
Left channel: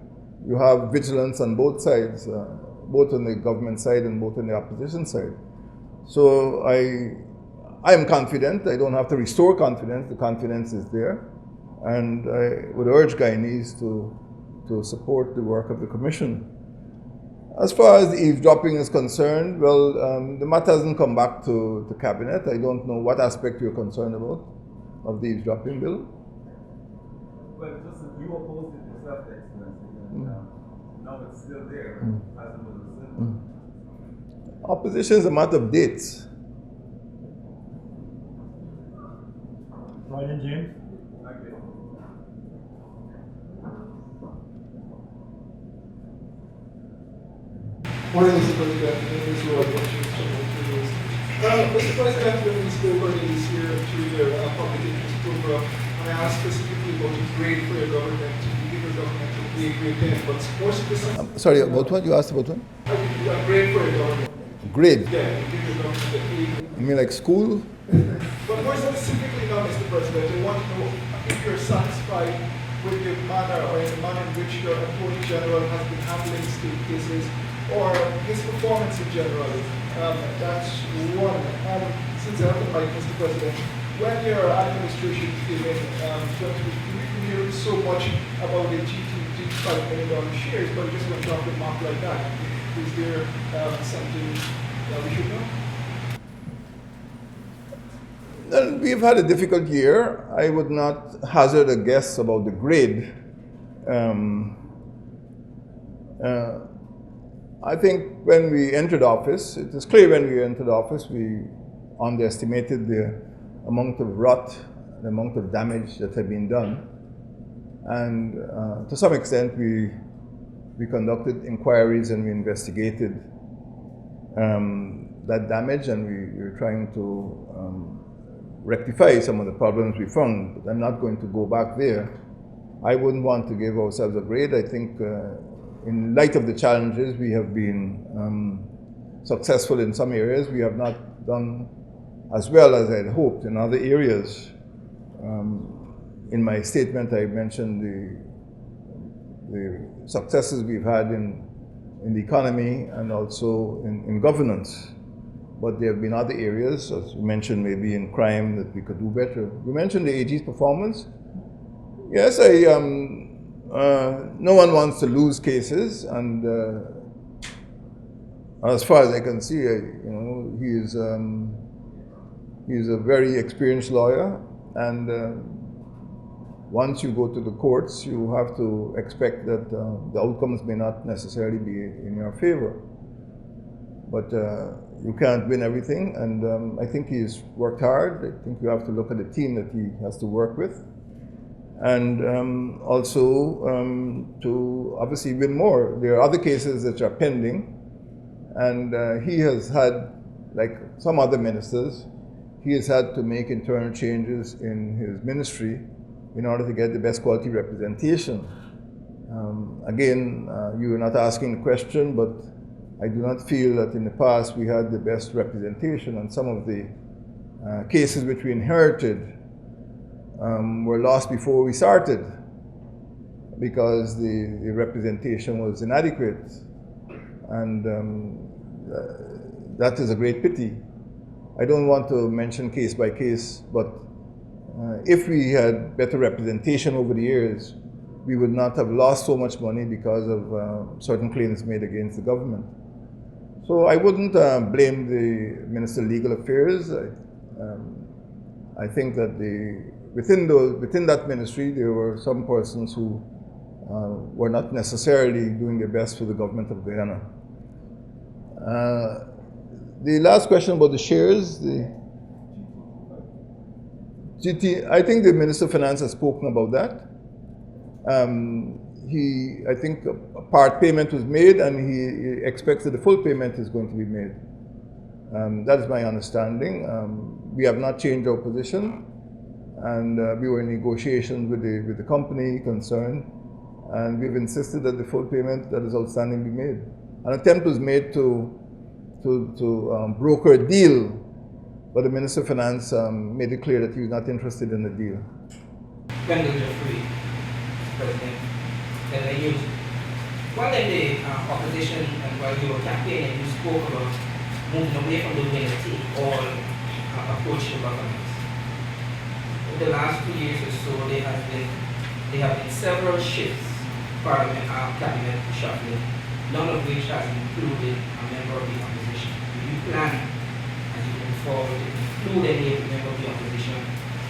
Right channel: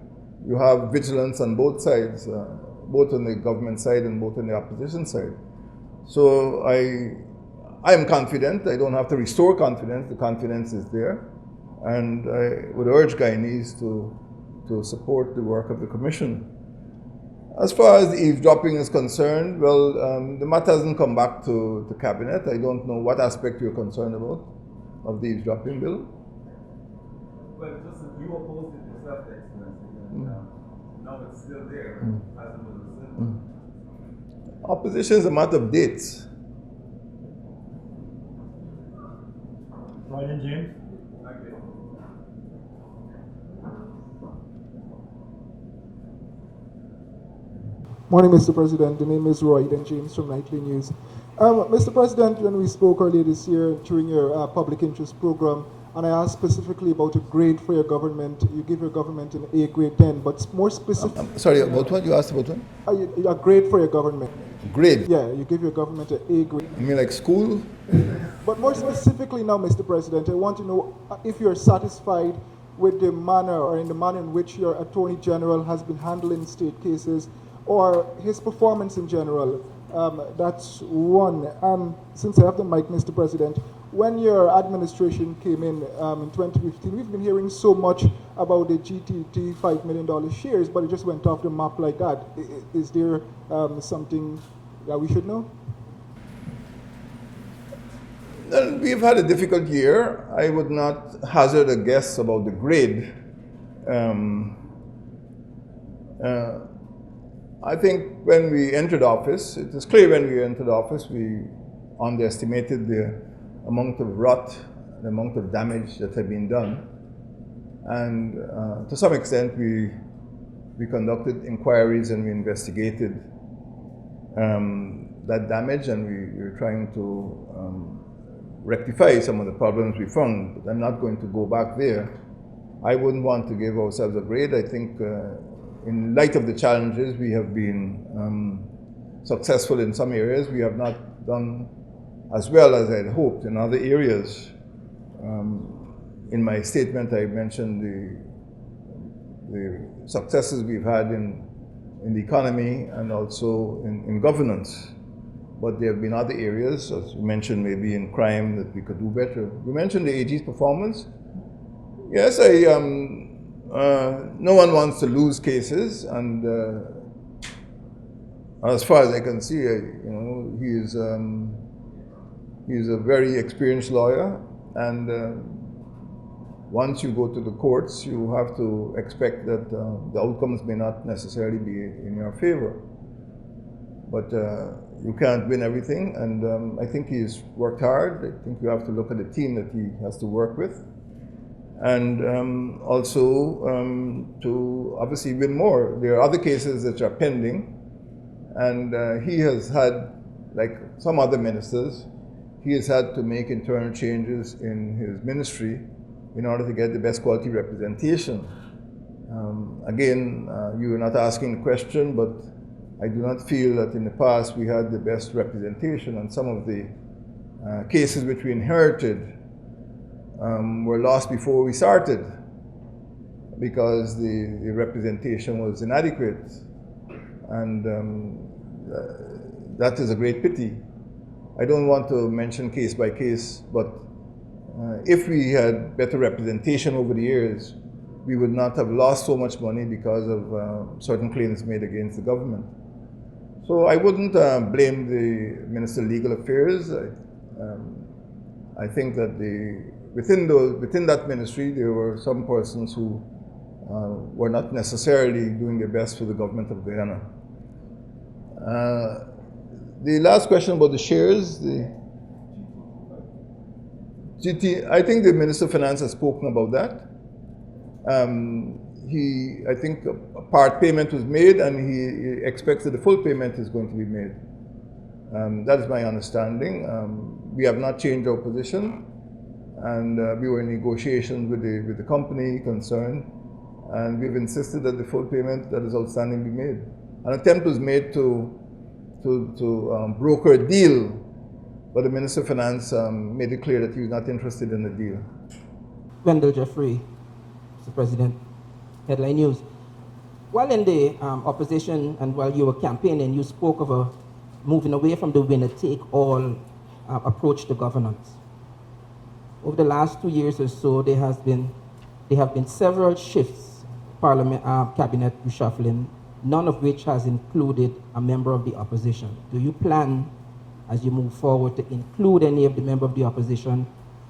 you have vigilance on both sides, both on the government side and both on the opposition side. So I am confident. I don't have to restore confidence. The confidence is there. And I would urge Guyanese to support the work of the commission. As far as the eavesdropping is concerned, well, the matter hasn't come back to cabinet. I don't know what aspect you're concerned about of the eavesdropping bill. Well, just you opposed it yourself, Excellency. And, No, it's still there. Opposition is a matter of dates. Ryan James. Morning, Mr. President. The name is Roy James from 19 News. Mr. President, when we spoke earlier this year during your public interest program, and I asked specifically about a grade for your government, you give your government an A grade 10, but more specifically... Sorry, about what? You asked about what? A grade for your government. Grade? Yeah, you give your government an A grade. You mean like school? But more specifically now, Mr. President, I want to know if you're satisfied with the manner or in the manner in which your Attorney General has been handling state cases or his performance in general. That's one. Since I have the mic, Mr. President, when your administration came in 2015, we've been hearing so much about the GTT $5 million shares, but it just went off the map like that. Is there something that we should know? Well, we've had a difficult year. I would not hazard a guess about the grade. I think when we entered office, it was clear when we entered office, we underestimated the amount of rot, the amount of damage that had been done. And to some extent, we conducted inquiries and we investigated that damage, and we were trying to rectify some of the problems we found. But I'm not going to go back there. I wouldn't want to give ourselves a grade. I think in light of the challenges, we have been successful in some areas. We have not done as well as I had hoped in other areas. In my statement, I mentioned the successes we've had in the economy and also in governance. But there have been other areas, as you mentioned, maybe in crime, that we could do better. You mentioned the AG's performance. Yes, no one wants to lose cases, and as far as I can see, he's a very experienced lawyer, and once you go to the courts, you have to expect that the outcomes may not necessarily be in your favor. But you can't win everything, and I think he's worked hard. I think you have to look at the team that he has to work with, and also to obviously win more. There are other cases that are pending, and he has had, like some other ministers, he has had to make internal changes in his ministry in order to get the best quality representation. Again, you are not asking the question, but I do not feel that in the past we had the best representation, and some of the cases which we inherited were lost before we started because the representation was inadequate, and that is a great pity. I don't want to mention case by case, but if we had better representation over the years, we would not have lost so much money because of certain claims made against the government. So I wouldn't blame the Minister of Legal Affairs. I think that within that ministry, there were some persons who were not necessarily doing their best for the government of Guyana. The last question about the shares, the GT, I think the Minister of Finance has spoken about that. I think a part payment was made, and he expects that the full payment is going to be made. That is my understanding. We have not changed our position, and we were in negotiations with the company concerned, and we've insisted that the full payment that is outstanding be made. An attempt was made to broker a deal, but the Minister of Finance made it clear that he was not interested in the deal. Wendell Jeffrey, President, Headline News. While in the opposition and while you were campaigning, you spoke about moving away from the winner take all approach to governance. Over the last 2 years or so, there have been several shifts, Parliament, cabinet reshuffling, none of which has included a member of the opposition. Do you plan, as you move forward, to include any of the member of the opposition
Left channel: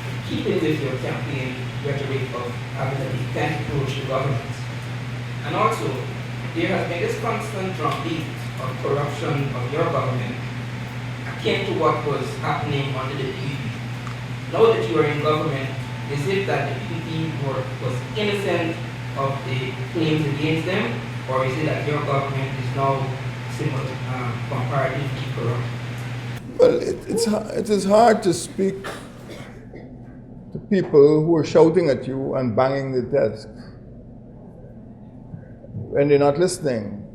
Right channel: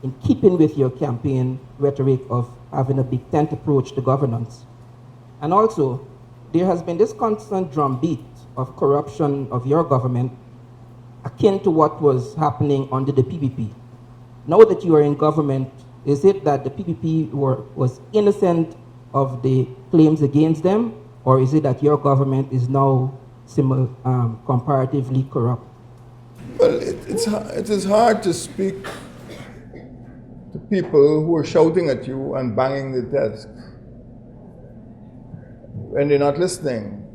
in keeping with your campaign rhetoric of having a defensive approach to governance? And also, there has been this constant drumbeat of corruption of your government akin to what was happening under the PPP. Now that you are in government, is it that the PPP was innocent of the claims against them, or is it that your government is now comparatively corrupt? Well, it is hard to speak to people who are shouting at you and banging the desk when they're not listening.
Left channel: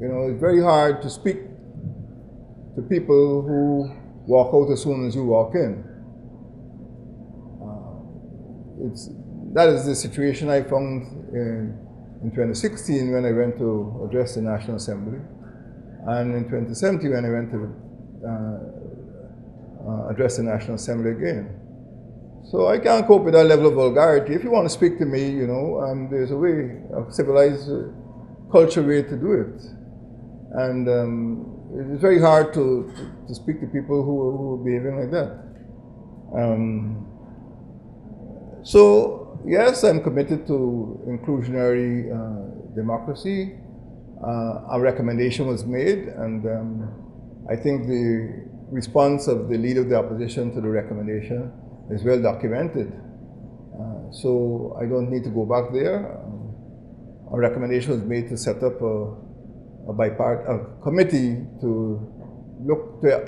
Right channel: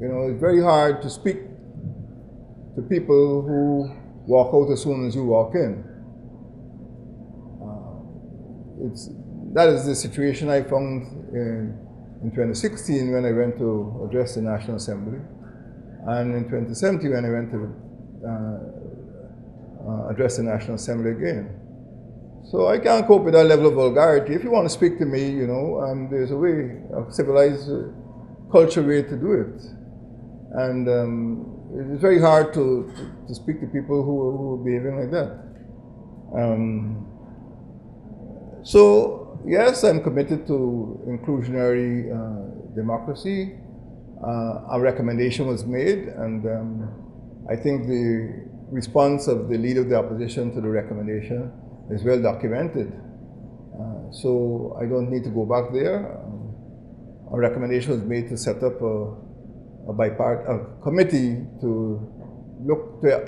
You know, it's very hard to speak to people who walk out as soon as you walk in. That is the situation I found in 2016 when I went to address the National Assembly, and in 2017 when I went to address the National Assembly again. So I can't cope with that level of vulgarity. If you want to speak to me, you know, there's a way, a civilized, cultural way to do it. And it's very hard to speak to people who are behaving like that. So, yes, I'm committed to inclusionary democracy. A recommendation was made, and I think the response of the leader of the opposition to the recommendation is well documented. So I don't need to go back there. A recommendation was made to set up a committee to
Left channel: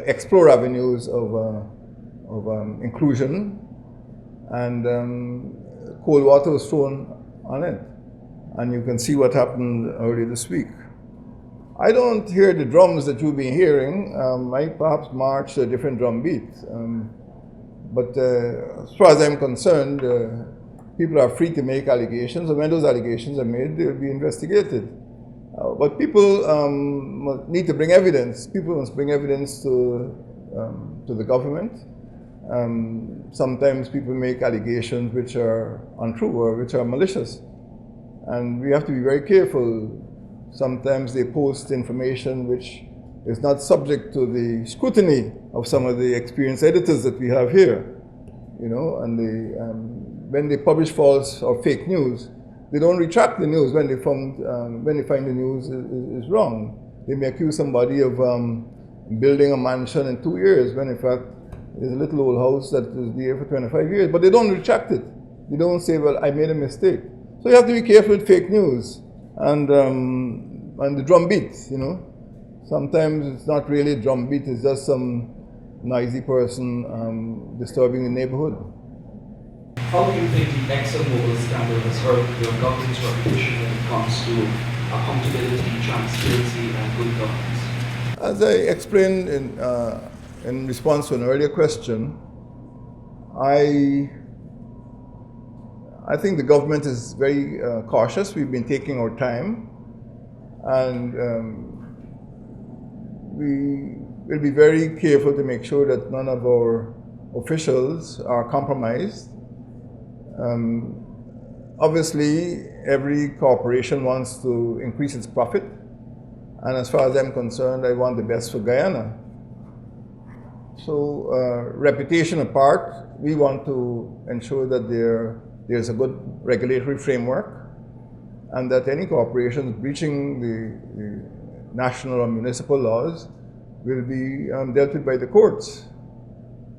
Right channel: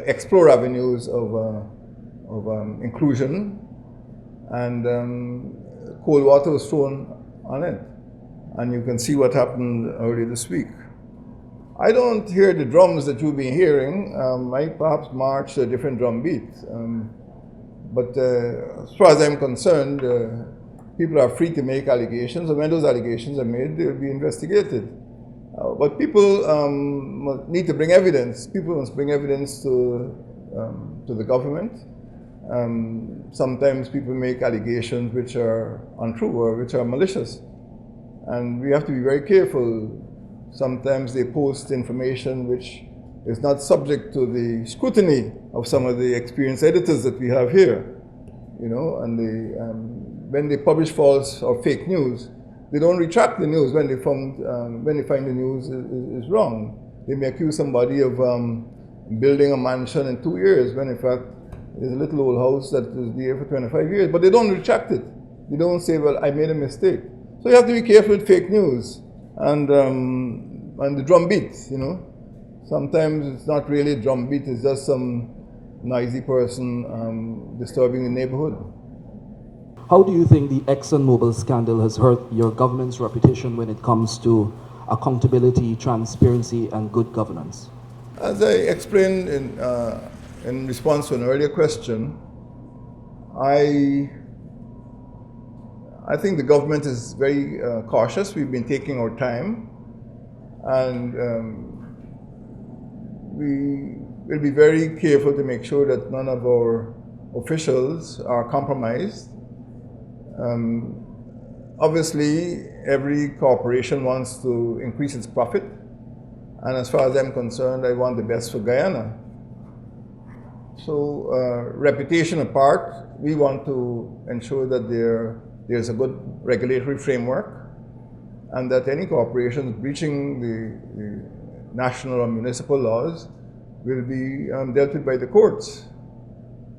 explore avenues of inclusion, and cold water was thrown on it. And you can see what happened earlier this week. I don't hear the drums that you've been hearing. I perhaps march a different drum beat. But as far as I'm concerned, people are free to make allegations, and when those allegations are made, they'll be investigated. But people need to bring evidence. People must bring evidence to the government. Sometimes people make allegations which are untrue or which are malicious. And we have to be very careful. Sometimes they post information which is not subject to the scrutiny of some of the experienced editors that we have here. You know, and when they publish false or fake news, they don't retract the news when they find the news is wrong. They may accuse somebody of building a mansion in 2 years, when in fact there's a little old house that is there for 25 years, but they don't retract it. They don't say, well, I made a mistake. So you have to be careful with fake news and the drum beat, you know. Sometimes it's not really a drum beat, it's just some noisy person disturbing the neighborhood. How do you think the ExxonMobil scandal has hurt your government's reputation when it comes to accountability, transparency, and good governance? As I explained in response to an earlier question, I think the government is very cautious. We've been taking our time, and we will be very careful to make sure that none of our officials are compromised. Obviously, every corporation wants to increase its profit, and as far as I'm concerned, I want the best for Guyana. So, reputation apart, we want to ensure that there's a good regulatory framework, and that any corporations breaching the national or municipal laws will be dealt with by the courts.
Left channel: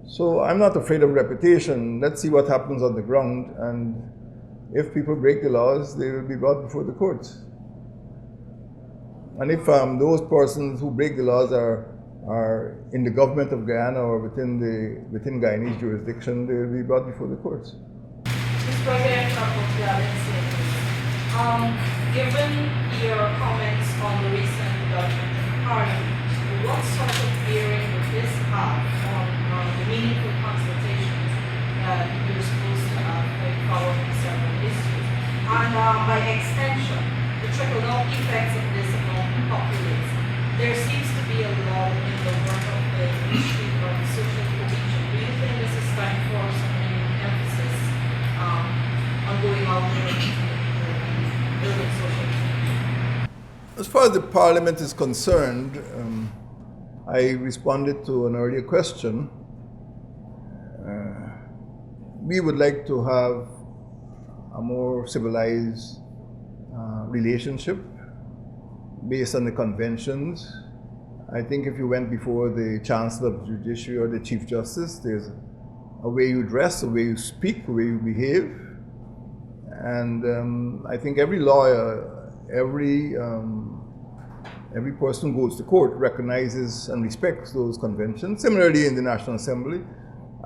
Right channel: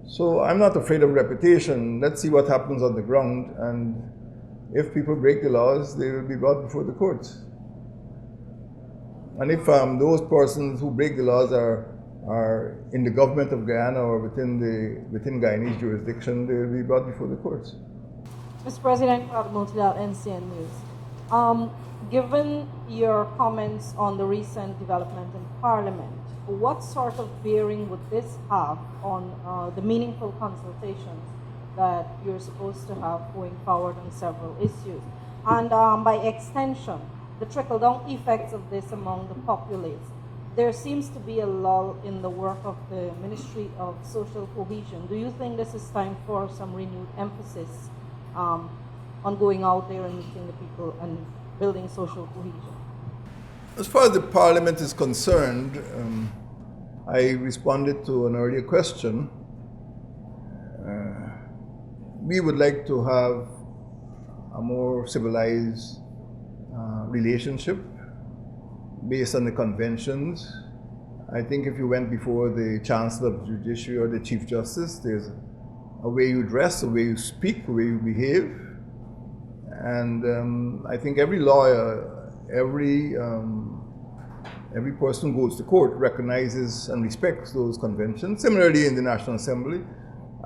So I'm not afraid of reputation. Let's see what happens on the ground, and if people break the laws, they will be brought before the courts. And if those persons who break the laws are in the government of Guyana or within Guyanese jurisdiction, they will be brought before the courts. Mr. President, given your comments on the recent development in Parliament, what sort of bearing would this have on the meaningful consultations that you're supposed to have with following several issues? And by extension, the trickle-down effects of this among the populace. There seems to be a lull in the work of the Ministry of Social Cohesion. Do you think this is time for some renewed emphasis on going out there and building social cohesion? As far as the Parliament is concerned, I responded to an earlier question. We would like to have a more civilized relationship based on the conventions. I think if you went before the Chancellor of the Judiciary or the Chief Justice, there's a way you dress, a way you speak, a way you behave. And I think every lawyer, every person who goes to court recognizes and respects those conventions. Similarly, in the National Assembly,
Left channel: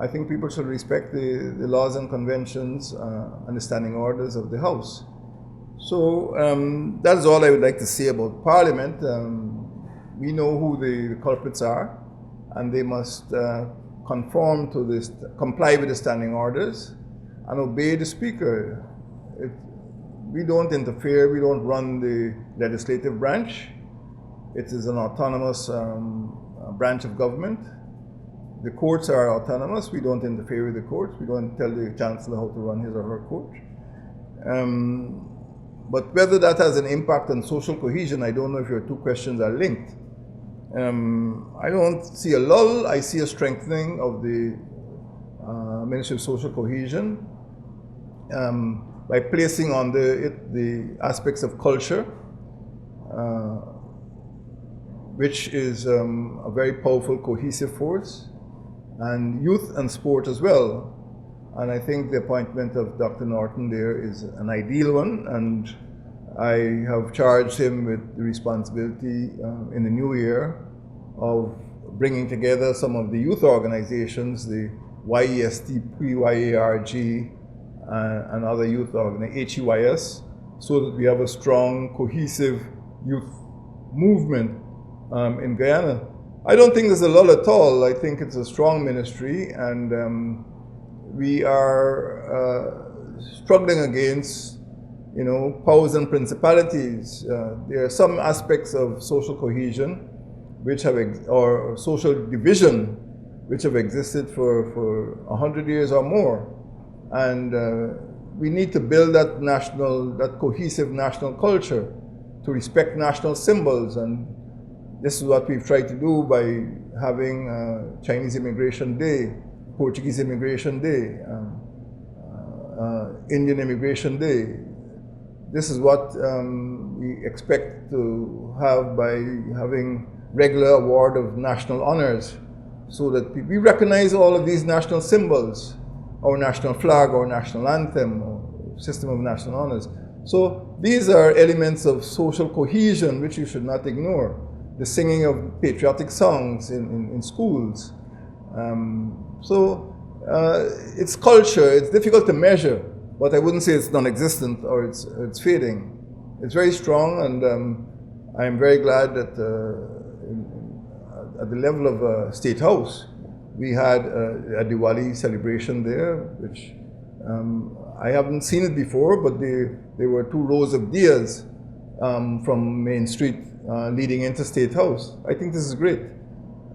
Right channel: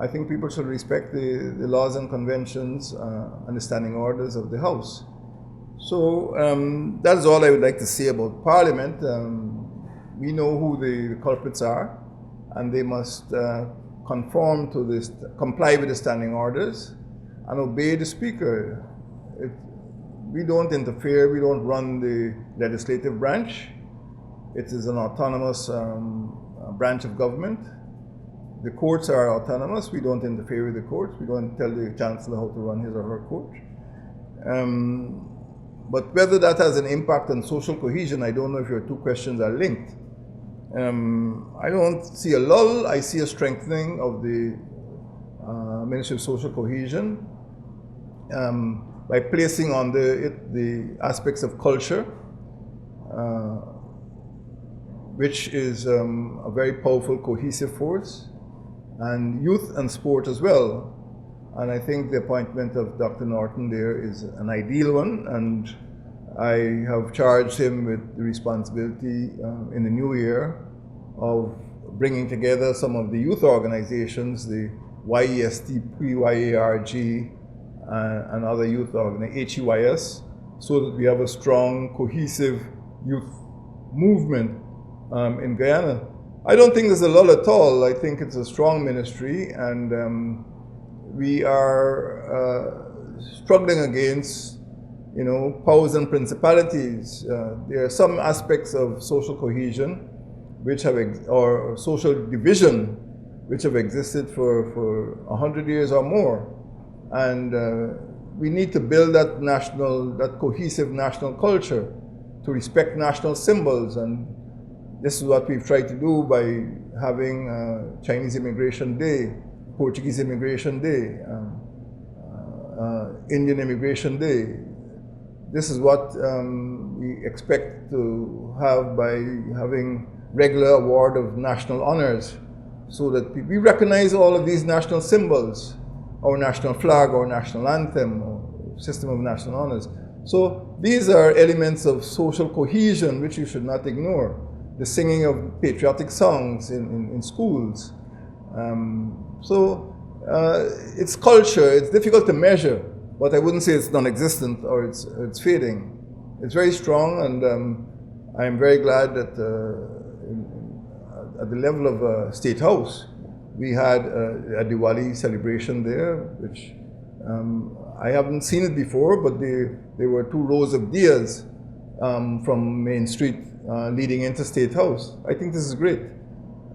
I think people should respect the laws and conventions and the standing orders of the House. So that's all I would like to say about Parliament. We know who the culprits are, and they must conform to this, comply with the standing orders, and obey the Speaker. We don't interfere, we don't run the legislative branch. It is an autonomous branch of government. The courts are autonomous, we don't interfere with the courts, we don't tell the Chancellor how to run his or her court. But whether that has an impact on social cohesion, I don't know if your two questions are linked. I don't see a lull, I see a strengthening of the Ministry of Social Cohesion by placing on the aspects of culture, which is a very powerful cohesive force, and youth and sport as well. And I think the appointment of Dr. Norton there is an ideal one, and I have charged him with the responsibility in the new year of bringing together some of the youth organizations, the YEST, PYARG, and other youth organizations, HEYS, so that we have a strong, cohesive youth movement in Guyana. I don't think there's a lull at all. I think it's a strong ministry, and we are struggling against, powers and principalities. There are some aspects of social cohesion which have, or social division, which have existed for 100 years or more. And we need to build that cohesive national culture, to respect national symbols. And this is what we've tried to do by having Chinese Immigration Day, Portuguese Immigration Day, Indian Immigration Day. This is what we expect to have by having regular award of national honors, so that we recognize all of these national symbols, our national flag, our national anthem, our system of national honors. So these are elements of social cohesion which you should not ignore. The singing of patriotic songs in schools. It's culture. It's difficult to measure, but I wouldn't say it's non-existent or it's fading. It's very strong, and I'm very glad that at the level of State House, we had a Diwali celebration there, which I haven't seen it before, but there were 2 rows of diyas from Main Street leading into State House. I think this is great.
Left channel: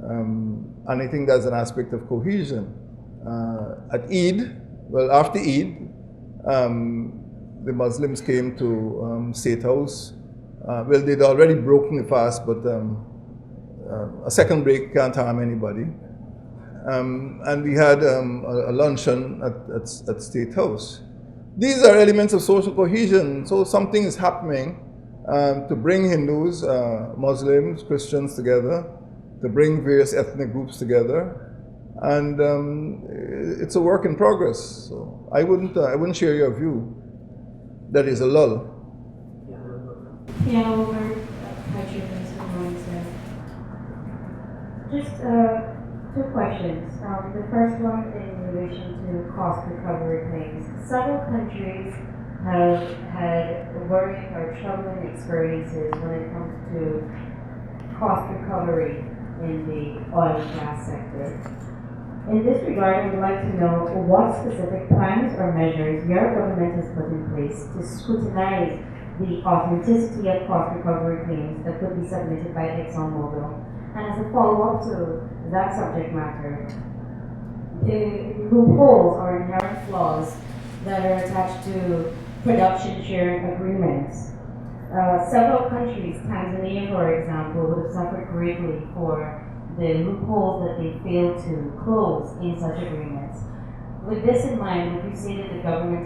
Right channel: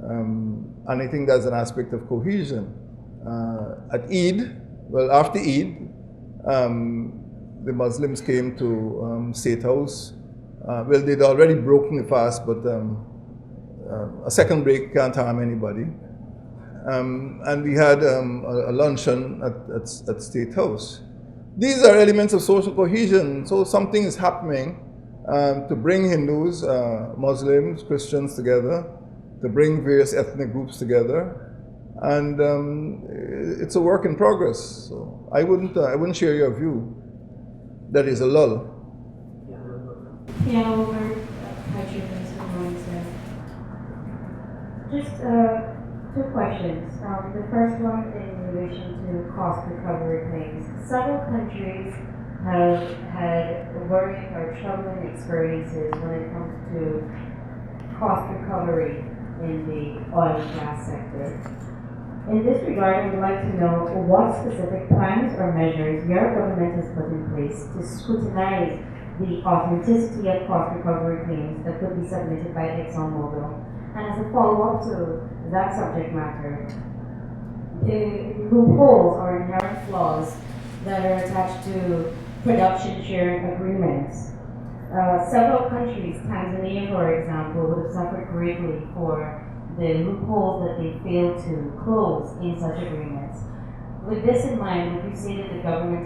And I think that's an aspect of cohesion. At Eid, after Eid, the Muslims came to State House. They'd already broken the fast, but a second break can't harm anybody. And we had a luncheon at State House. These are elements of social cohesion. So something is happening to bring Hindus, Muslims, Christians together, to bring various ethnic groups together, and it's a work in progress. So I wouldn't share your view that is a lull. Yeah, over good morning, sir. Just 2 questions. The first one in relation to cost recovery claims. Several countries have had worrying or troubling experiences when it comes to cost recovery in the oil and gas sector. In this regard, I would like to know what specific plans or measures your government has put in place to scrutinize the authenticity of cost recovery claims that could be submitted by ExxonMobil. And as a follow-up to that subject matter, the loopholes or inherent flaws that are attached to production sharing agreements. Several countries, Tanzania for example, would have suffered greatly for the loopholes that they failed to close in such agreements. With this in mind, would you say that the government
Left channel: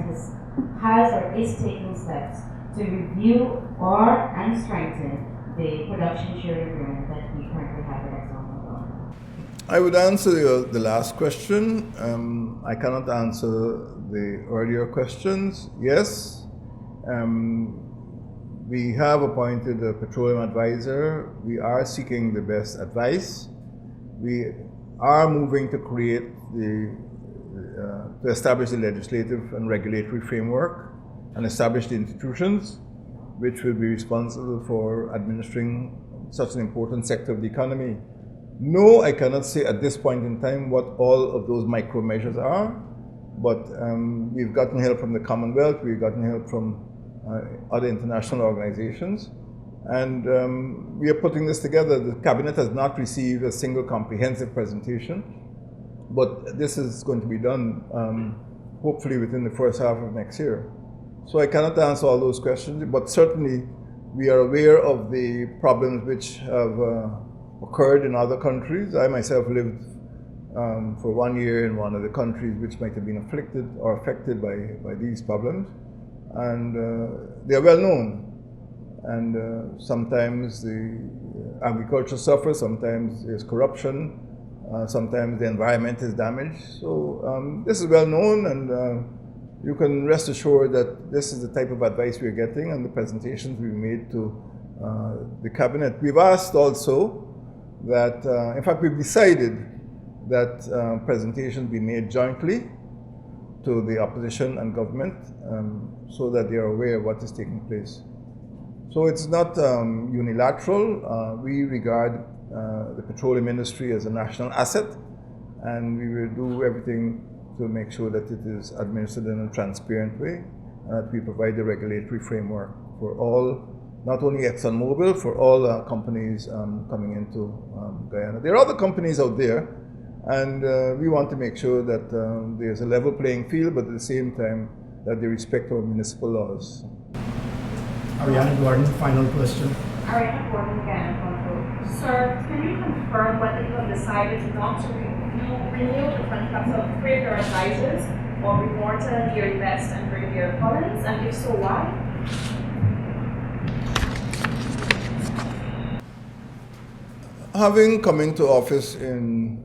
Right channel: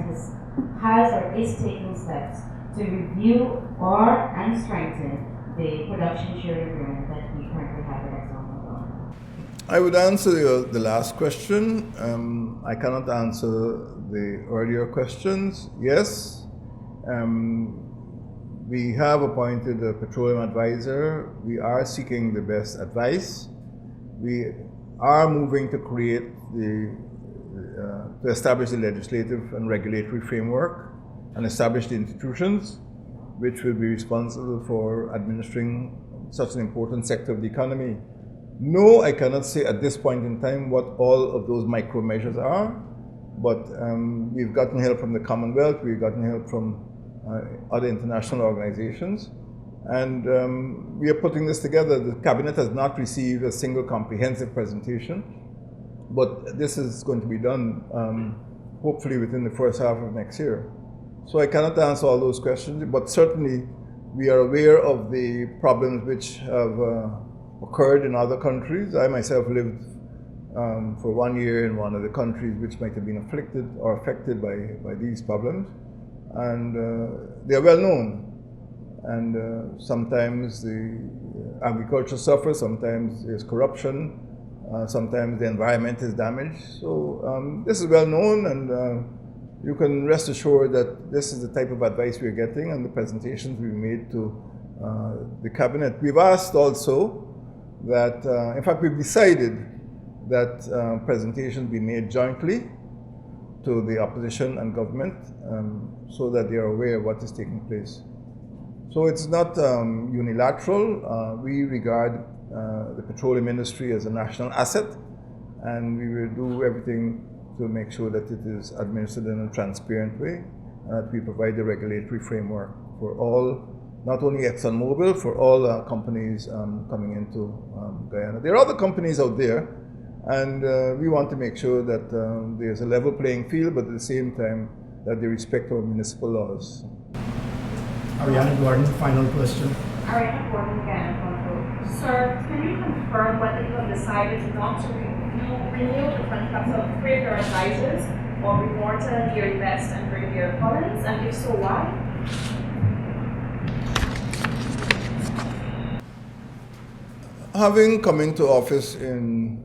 has or is taking steps to review and strengthen the production sharing agreement that we currently have with ExxonMobil? I would answer the last question. I cannot answer the earlier questions. Yes, we have appointed a petroleum advisor. We are seeking the best advice. We are moving to create to establish the legislative and regulatory framework and establish the institutions which will be responsible for administering such an important sector of the economy. No, I cannot say at this point in time what all of those micro measures are, but we've gotten help from the Commonwealth, we've gotten help from other international organizations, and we are putting this together. The Cabinet has not received a single comprehensive presentation, but this is going to be done hopefully within the first half of next year. So I cannot answer all those questions, but certainly we are aware of the problems which have occurred in other countries. I myself lived for 1 year in one of the countries which might have been afflicted or affected by these problems, and they are well known. And sometimes the agriculture suffers, sometimes there's corruption, sometimes the environment is damaged. So this is well known, and you can rest assured that this is the type of advice we're getting and the presentations we've made to the Cabinet. We've asked also that, in fact, we've decided that presentations be made jointly to the opposition and government so that they are aware of what is taking place. So it's not unilateral. We regard the petroleum industry as a national asset, and we will do everything to make sure that it is administered in a transparent way, and that we provide the regulatory framework for all, not only ExxonMobil, for all companies coming into Guyana. There are other companies out there, and we want to make sure that there's a level playing field, but at the same time that they respect our municipal laws. Ariana Gordon, final question. Ariana Gordon again. Sir, can you confirm whether you have decided not to renew the contracts of three of your advisors, Aubrey Morton, Gary Best, and Brigadier Collins, and if so, why? Having come into office in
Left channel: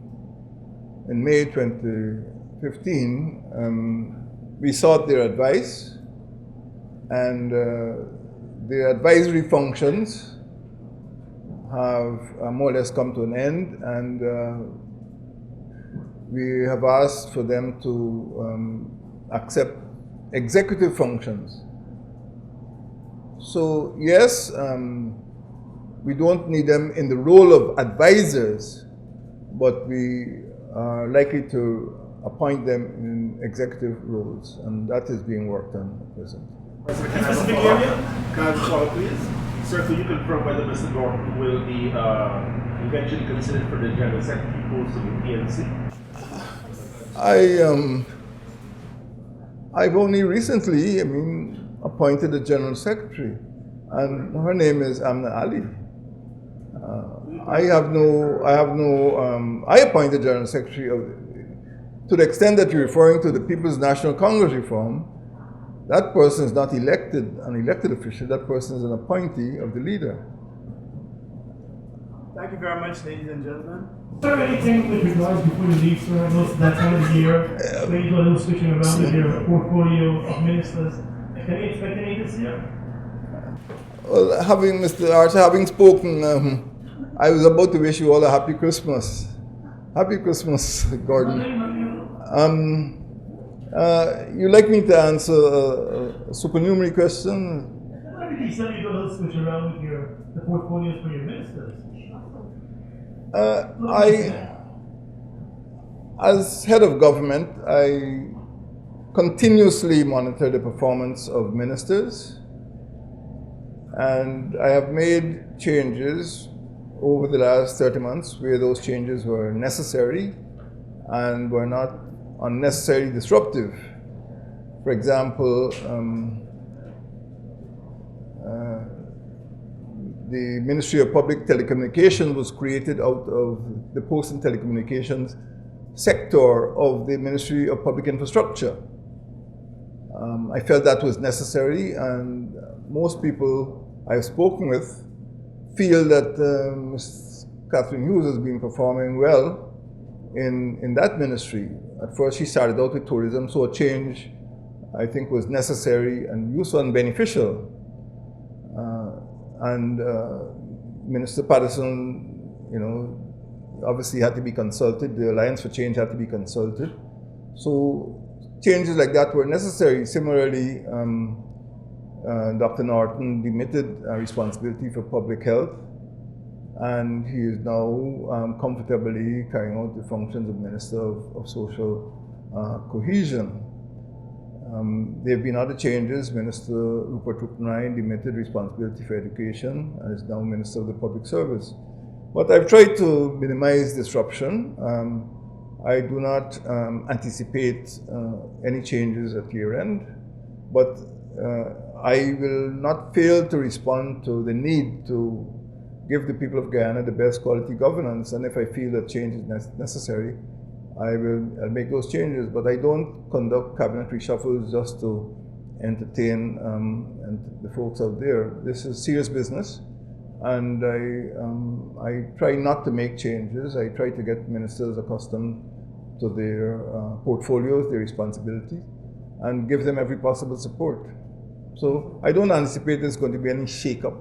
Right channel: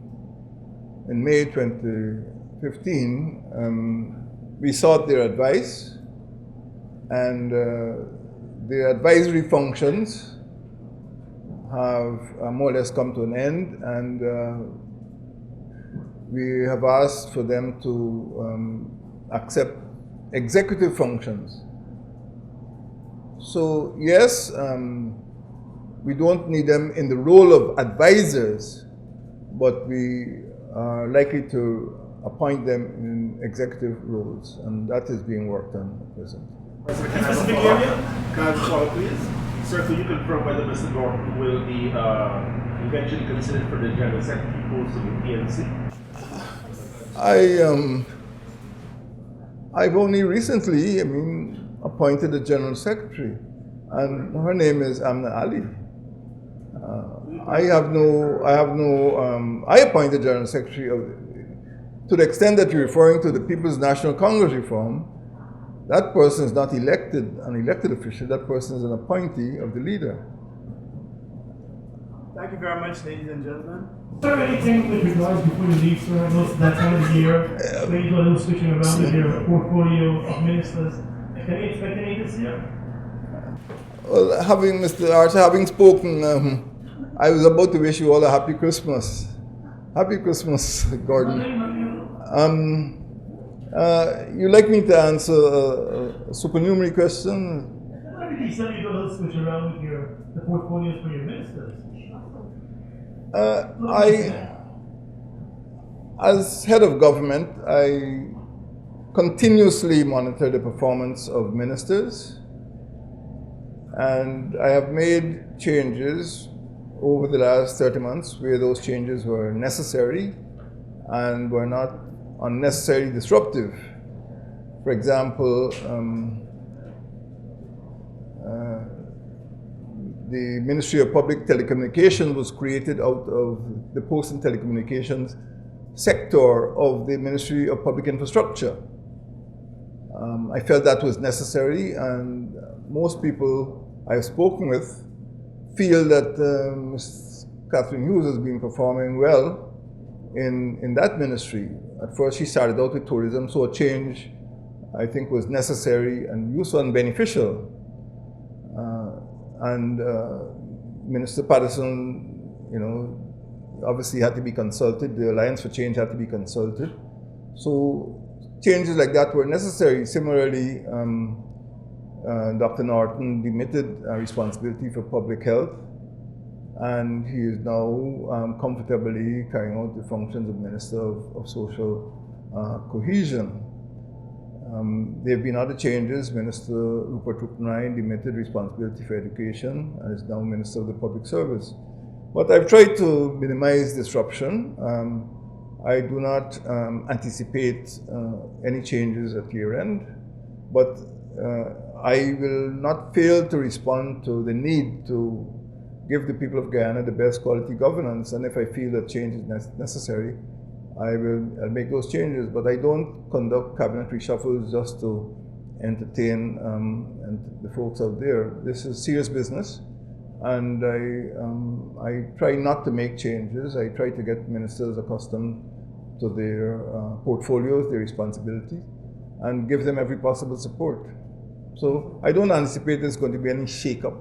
May 2015, we sought their advice, and their advisory functions have more or less come to an end, and we have asked for them to accept executive functions. So yes, we don't need them in the role of advisors, but we are likely to appoint them in executive roles, and that is being worked on at present. President, can I have a follow-up? Can I have a follow-up, please? Sir, could you confirm whether Mr. Norton will be eventually considered for the General Secretary post of the PNC? I've only recently, appointed a General Secretary, and her name is Amna Ali. I appointed General Secretary to the extent that you're referring to the People's National Congress reform. That person is not an elected official, that person is an appointee of the leader. Thank you very much, ladies and gentlemen. Is there anything with regards before you leave, sir? I know that time of the year, when you do a little switching around with your portfolio of ministers. Can we expect any this year? Well, Mr. Archer, having spoken, I was about to wish you all a happy Christmas. Happy Christmas, Gordon. You'd like me to answer a supernumerary question? Maybe you do a little switch around with the portfolios for your ministers. As head of government, I continuously monitor the performance of ministers, and I have made changes over the last 30 months where those changes were necessary and were not unnecessarily disruptive. For example, the Ministry of Public Telecommunications was created out of the Post and Telecommunications sector of the Ministry of Public Infrastructure. I felt that was necessary, and most people I've spoken with feel that Ms. Catherine Hughes has been performing well in that ministry. At first, she started out with tourism, so a change, I think, was necessary and useful and beneficial. Minister Patterson, obviously had to be consulted. The Alliance for Change had to be consulted. So changes like that were necessary. Similarly, Dr. Norton demitted responsibility for public health, and he is now comfortably carrying out the functions of Minister of Social Cohesion. There have been other changes. Minister Rupert Rupnine demitted responsibility for education and is now Minister of the Public Service. But I've tried to minimize disruption. I do not anticipate any changes at year end, but I will not fail to respond to the need to give the people of Guyana the best quality governance, and if I feel that change is necessary, I'll make those changes. But I don't conduct cabinet reshuffles just to entertain and the folks out there. This is serious business, and I try not to make changes. I try to get ministers accustomed to their portfolios, their responsibilities, and give them every possible support. So I don't anticipate there's going to be any shake-up